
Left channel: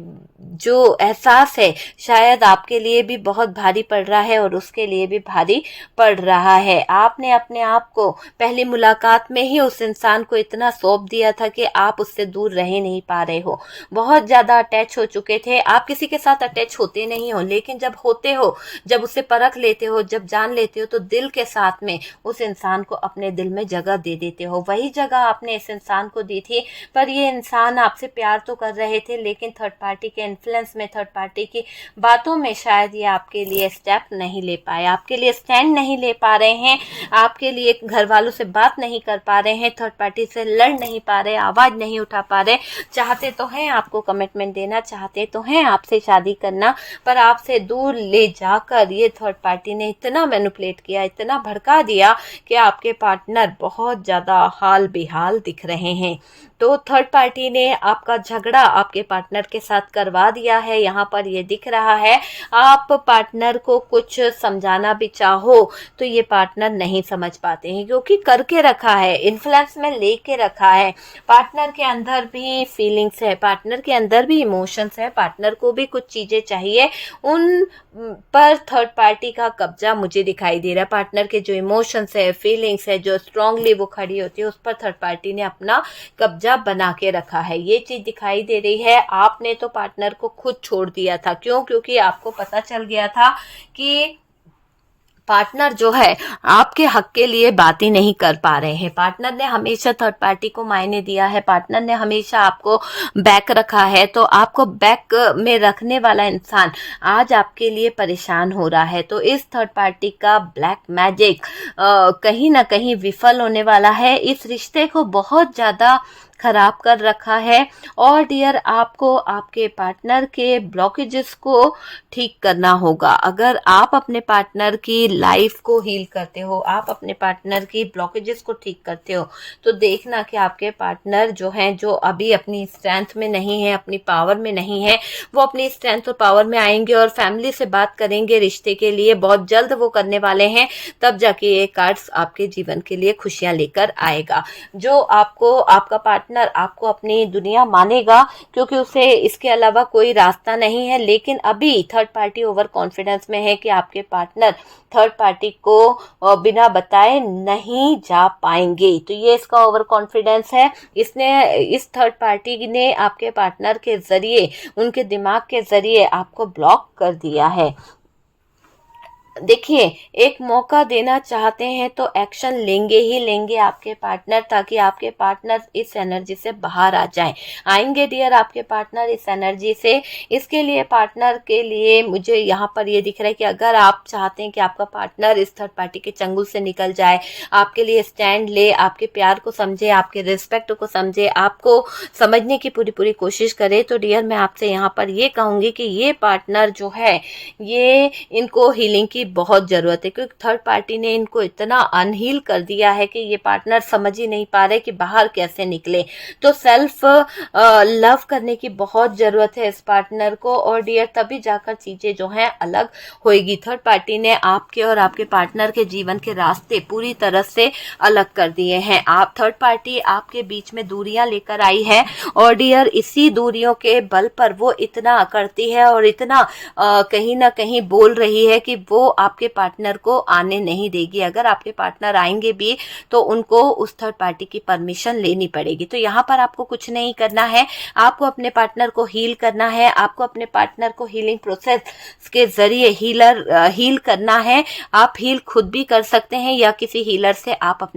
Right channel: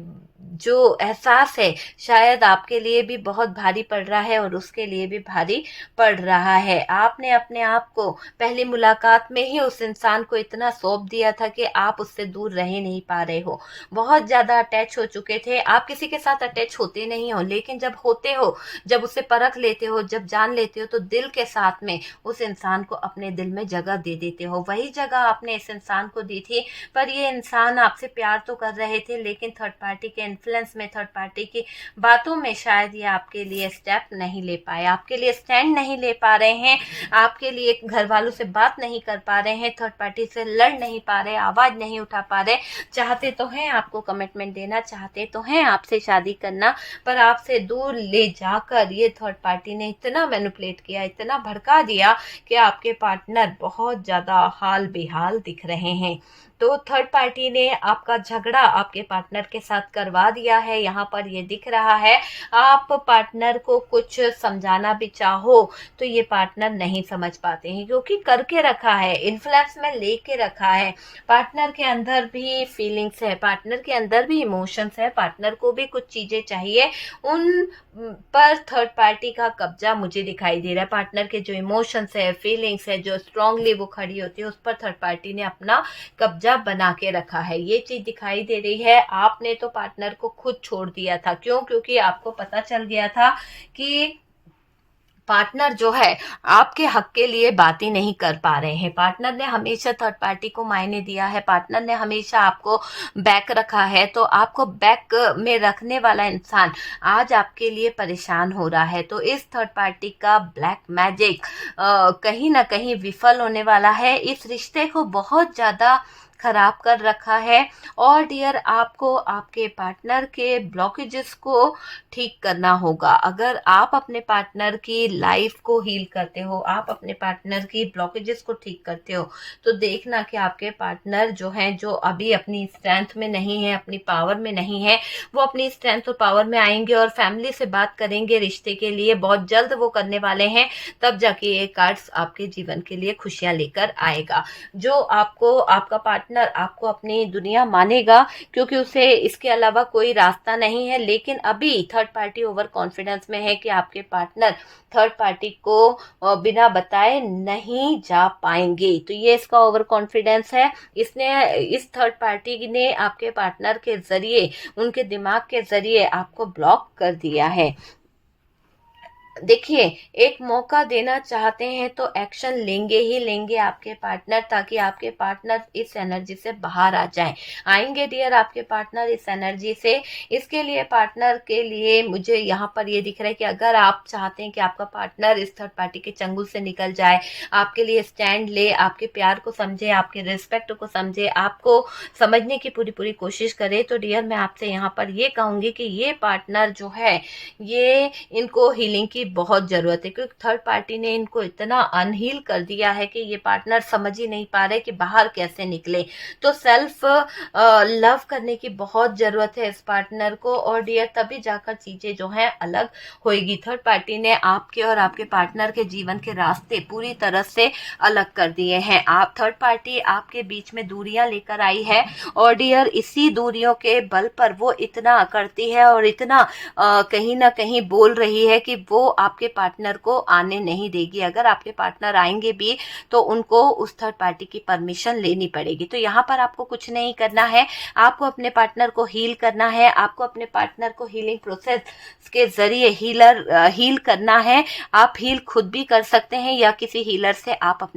जो एहसास है शायद आपके लिए भी बहुत भारी पड़ रहा है और उसके लिए भी भारी पड़ रहा है। आपने अपने आप को पहली मुलाकात में ही उस इंसान को इतना सौंप दिया था कि आप उससे दूर रह नहीं पा रहे हो, बहुत ज्यादा अटैच हो चुके थे। आप किसी के साथ अटैच होते नहीं हो, लेकिन जब होते हो, जब उसे परख लेते हो, जब जान लेते हो, तो दिल के साथ में उस इंसान को अपने दिल में जगह दे देते हो। वही जगह आपने इस इंसान को दी थी, पर ये इंसान आपसे प्यार तो कर रहे थे, लेकिन थर्ड पार्टी के इन्फ्लुएंस में, थर्ड पार्टी की बातों में शायद ये आपके लिए स्टेप नहीं ले पाए, आपके लिए स्टैंड नहीं ले पा रहे हैं, आपके लिए घर वालों से बात नहीं कर पा रहे हैं, थर्ड पार्टी से लड़ नहीं पा रहे, आवाज नहीं उठा पा रहे। चाहते तो हैं आपको कमिटमेंट देना, चाहते तो हैं आपसे शादी करना, पर आपसे दूर ले जाकर ये थर्ड पार्टी ने इतना मैनिपुलेट किया, इतना भड़का दिया कि आपके पार्टनर बहुत ज्यादा हाल बेहाल दिख रहे हैं। तो थर्ड पार्टी ने आपका झगड़ा आपके पार्टनर के साथ करवा दिया है, यहाँ पर ये दिख रहा है। आप पार्टनर को कुछ समझाना भी चाहो तो ये पार्टनर नहीं समझ पाते हैं, क्योंकि करके रखा है, इन्फ्लुएंस में लेके रखा है। पार्टनर के अंदर भी फीलिंग्स है, पार्टनर के अंदर भी इमोशंस है, पार्टनर को भी कुछ चीजें चाहिए, उन पर थर्ड पार्टी का कब्जा मुझे दिखाई दे रहा है। पार्टनर के जो इमोशंस है, फीलिंग्स है, जो स्ट्रांगली वो खड़ी होती है, उस पर थर्ड पार्टी ने अपना कब्जा बना के रखा है, ये चीज दिखाई दे रही है। आपने तो पार्टनर को खुद छोड़ दिया था, क्यों? क्योंकि आपको पता चल गया था कि पार्टनर जो है आपके हक के लिए बात ही नहीं कर पा रहे हैं। पार्टनर ने हमेशा थर्ड पार्टी को मायने दिया है, पार्टनर ने हमेशा आपको बैक रखा है, तो आपको बैक में रखने वाला इंसान आज आपके लिए परेशान हो रहा है। तो इस थर्ड पार्टी का ब्लैक मैजिक कहीं ना कहीं विफल होने वाला है, इस रिश्ते को बहुत ज्यादा खराब कर रखा है। और डियर, आपको आपके पार्टनर के ब्लॉकेजेस को ठीक करना होगा। अगर आप अपने पार्टनर की लाइफ को हील करते हो, आप अपने पार्टनर की ब्लॉकेजेस को ठीक करते हो, तो देखना कि आपके पार्टनर जो हैं, जो अभी अपनी स्ट्रेंथ में नहीं है, अपनी पावर में नहीं है, वो अपनी स्ट्रेंथ और पावर में आएंगे और फैमिली से बात करेंगे रिश्ते के लिए। बहुत जल्द वो करने वाले हैं, तब जाके ये कार्ड्स आपके जीवन के लिए खुशियां लेकर आएगा। जो आपको आपका पार्टनर आपको अपनी दुनिया मानेगा, क्योंकि उसे इसके अलावा कोई रास्ता नहीं है। लेकिन अभी थर्ड पार्टी ओवर कॉन्फिडेंस में है कि आपके पार्टनर थर्ड पार्टी को बिना बताए नहीं जा पाएंगे। तो ये इसका ओवर कॉन्फिडेंस है। इस थर्ड पार्टी ने आपके पार्टनर के जरिए, उनके दिमाग के जरिए आपको ब्लॉक कर दिया है। देखिए, एक मौका देना चाहते हैं तो एक्शन लेंगे ही लेंगे आपके पार्टनर, ताकि आपके पार्टनर इस एनर्जी से बाहर आ जाएं। आएंगे डियर आपके पार्टनर इस एनर्जी से। इसके लिए पार्टनर के लिए मुझे यहाँ पर ये दिख रहा है कि अगर आप चाहते हैं कि आपका पार्टनर इस थर्ड पार्टी के चंगुल से निकल जाए, आपके लिए स्टैंड ले, आपके प्यार को समझे, आपके रिस्पेक्ट को समझे, आपको समझने की पूरी पूरी कोशिश करे, तो डियर मैं आपसे यहाँ पर ये कहूंगी कि ये पार्टनर जो है, ये इनको हीलिंग की बहुत जरूरत है, क्योंकि थर्ड पार्टी ने इनको इतना अनहील कर दिया है कि ये पार्टनर समझ ही नहीं पा रहे कि बाहर कैसे निकले। तो सेल्फ लव करने की बहुत जरूरत है इस पार्टनर को, और डियर तभी जाकर चीजें जो हैं अलग होएगी। थर्ड पार्टी ने आपके और आपके पार्टनर के जीवन के रास्ते पूरी तरह से अलग कर दिए हैं। आप थर्ड पार्टी आपके बीच में दूरियां लेकर आई है, और डियर इसी दूरियों के बल पर वो इतना करती है और इतना कहीं ना कहीं बोल रही है कि वो आपके पार्टनर को आने नहीं देगी। अगर आपके पार्टनर आएंगे भी तो उनको उस थर्ड पार्टी की परमिशन लेनी पड़ेगी। तो यहाँ पर आपको कुछ नहीं करना है, आपको अपने पार्टनर को हील करना है, आपको अपने पार्टनर को हीलिंग प्रोसेस के जरिए हील करना है। आप हील खुद भी कर सकते हैं, या किसी हीलर से आप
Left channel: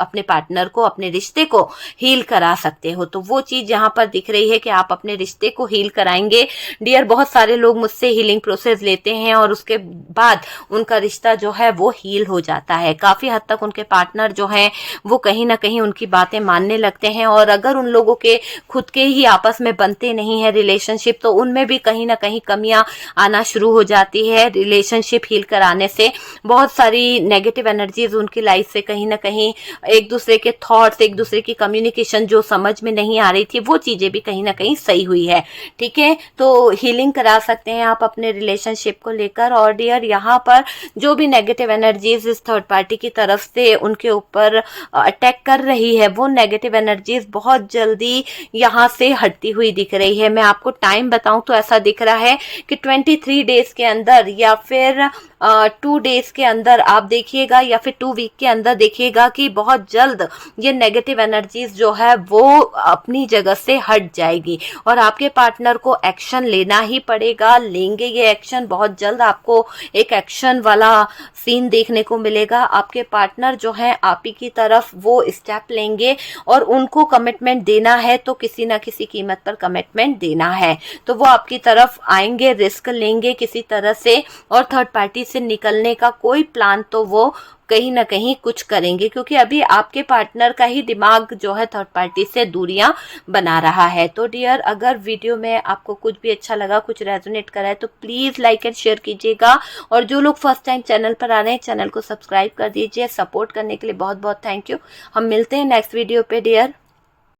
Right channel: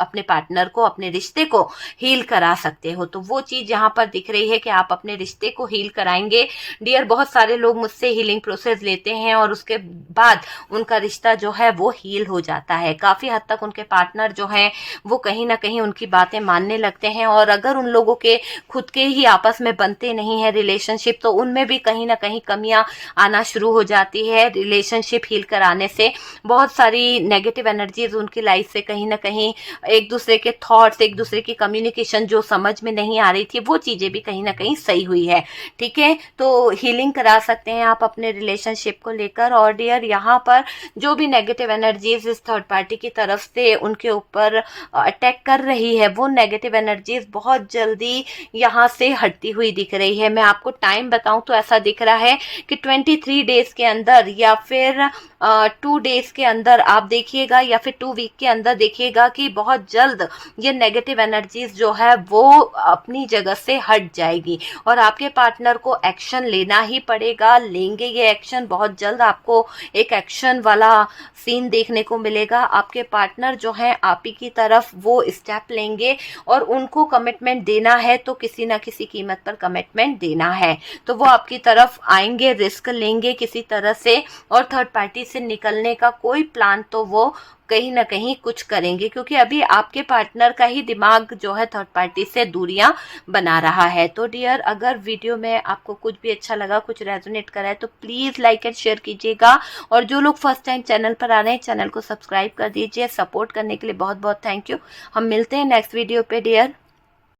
अपने पार्टनर को, अपने रिश्ते को हील करा सकते हो। तो वो चीज यहाँ पर दिख रही है कि आप अपने रिश्ते को हील कराएंगे। डियर, बहुत सारे लोग मुझसे हीलिंग प्रोसेस लेते हैं और उसके बाद उनका रिश्ता जो है वो हील हो जाता है। काफी हद तक उनके पार्टनर जो हैं वो कहीं ना कहीं उनकी बातें मानने लगते हैं, और अगर उन लोगों के खुद के ही आपस में बनते नहीं है रिलेशनशिप, तो उनमें भी कहीं ना कहीं कमियां आना शुरू हो जाती है। रिलेशनशिप हील कराने से बहुत सारी नेगेटिव एनर्जीज उनकी लाइफ से कहीं ना कहीं, एक दूसरे के थॉट्स, एक दूसरे की कम्युनिकेशन जो समझ में नहीं आ रही थी, वो चीजें भी कहीं ना कहीं सही हुई है। ठीक है, तो हीलिंग करा सकते हैं आप अपने रिलेशनशिप को लेकर। और डियर यहाँ पर जो भी नेगेटिव एनर्जीज इस थर्ड पार्टी की तरफ से उनके ऊपर अटैक कर रही है, वो नेगेटिव एनर्जीज बहुत जल्दी यहाँ से हटती हुई दिख रही है। मैं आपको टाइम बताऊं तो ऐसा दिख रहा है कि 23 डेज के अंदर, या फिर 2 डेज के अंदर आप देखिएगा, या फिर 2 वीक के अंदर देखिएगा कि बहुत जल्द ये नेगेटिव एनर्जीज जो है वो अपनी जगह से हट जाएगी, और आपके पार्टनर को एक्शन लेना ही पड़ेगा। लेंगे ये एक्शन, बहुत जल्द आपको एक एक्शन वाला सीन देखने को मिलेगा। आपके पार्टनर जो है आप ही की तरफ वो स्टेप लेंगे, और उनको कमिटमेंट देना है तो किसी ना किसी कीमत पर कमिटमेंट देना है। तो वो आपकी तरफ आएंगे, रिस्क लेंगे किसी तरह से, और थर्ड पार्टी से निकलने का कोई प्लान तो वो कहीं ना कहीं कुछ करेंगे, क्योंकि अभी आपके पार्टनर का ही दिमाग जो है थर्ड पार्टी से दूरियां बना रहा है। तो डियर, अगर वीडियो में आपको कुछ भी अच्छा लगा, कुछ रेजोनेट करा है, तो प्लीज लाइक एंड शेयर कीजिएगा। और जो लोग फर्स्ट टाइम चैनल पर आ रहे हैं, चैनल को सब्सक्राइब कर दीजिए। सपोर्ट करने के लिए बहुत बहुत थैंक यू। हम मिलते हैं नेक्स्ट वीडियो पे डियर।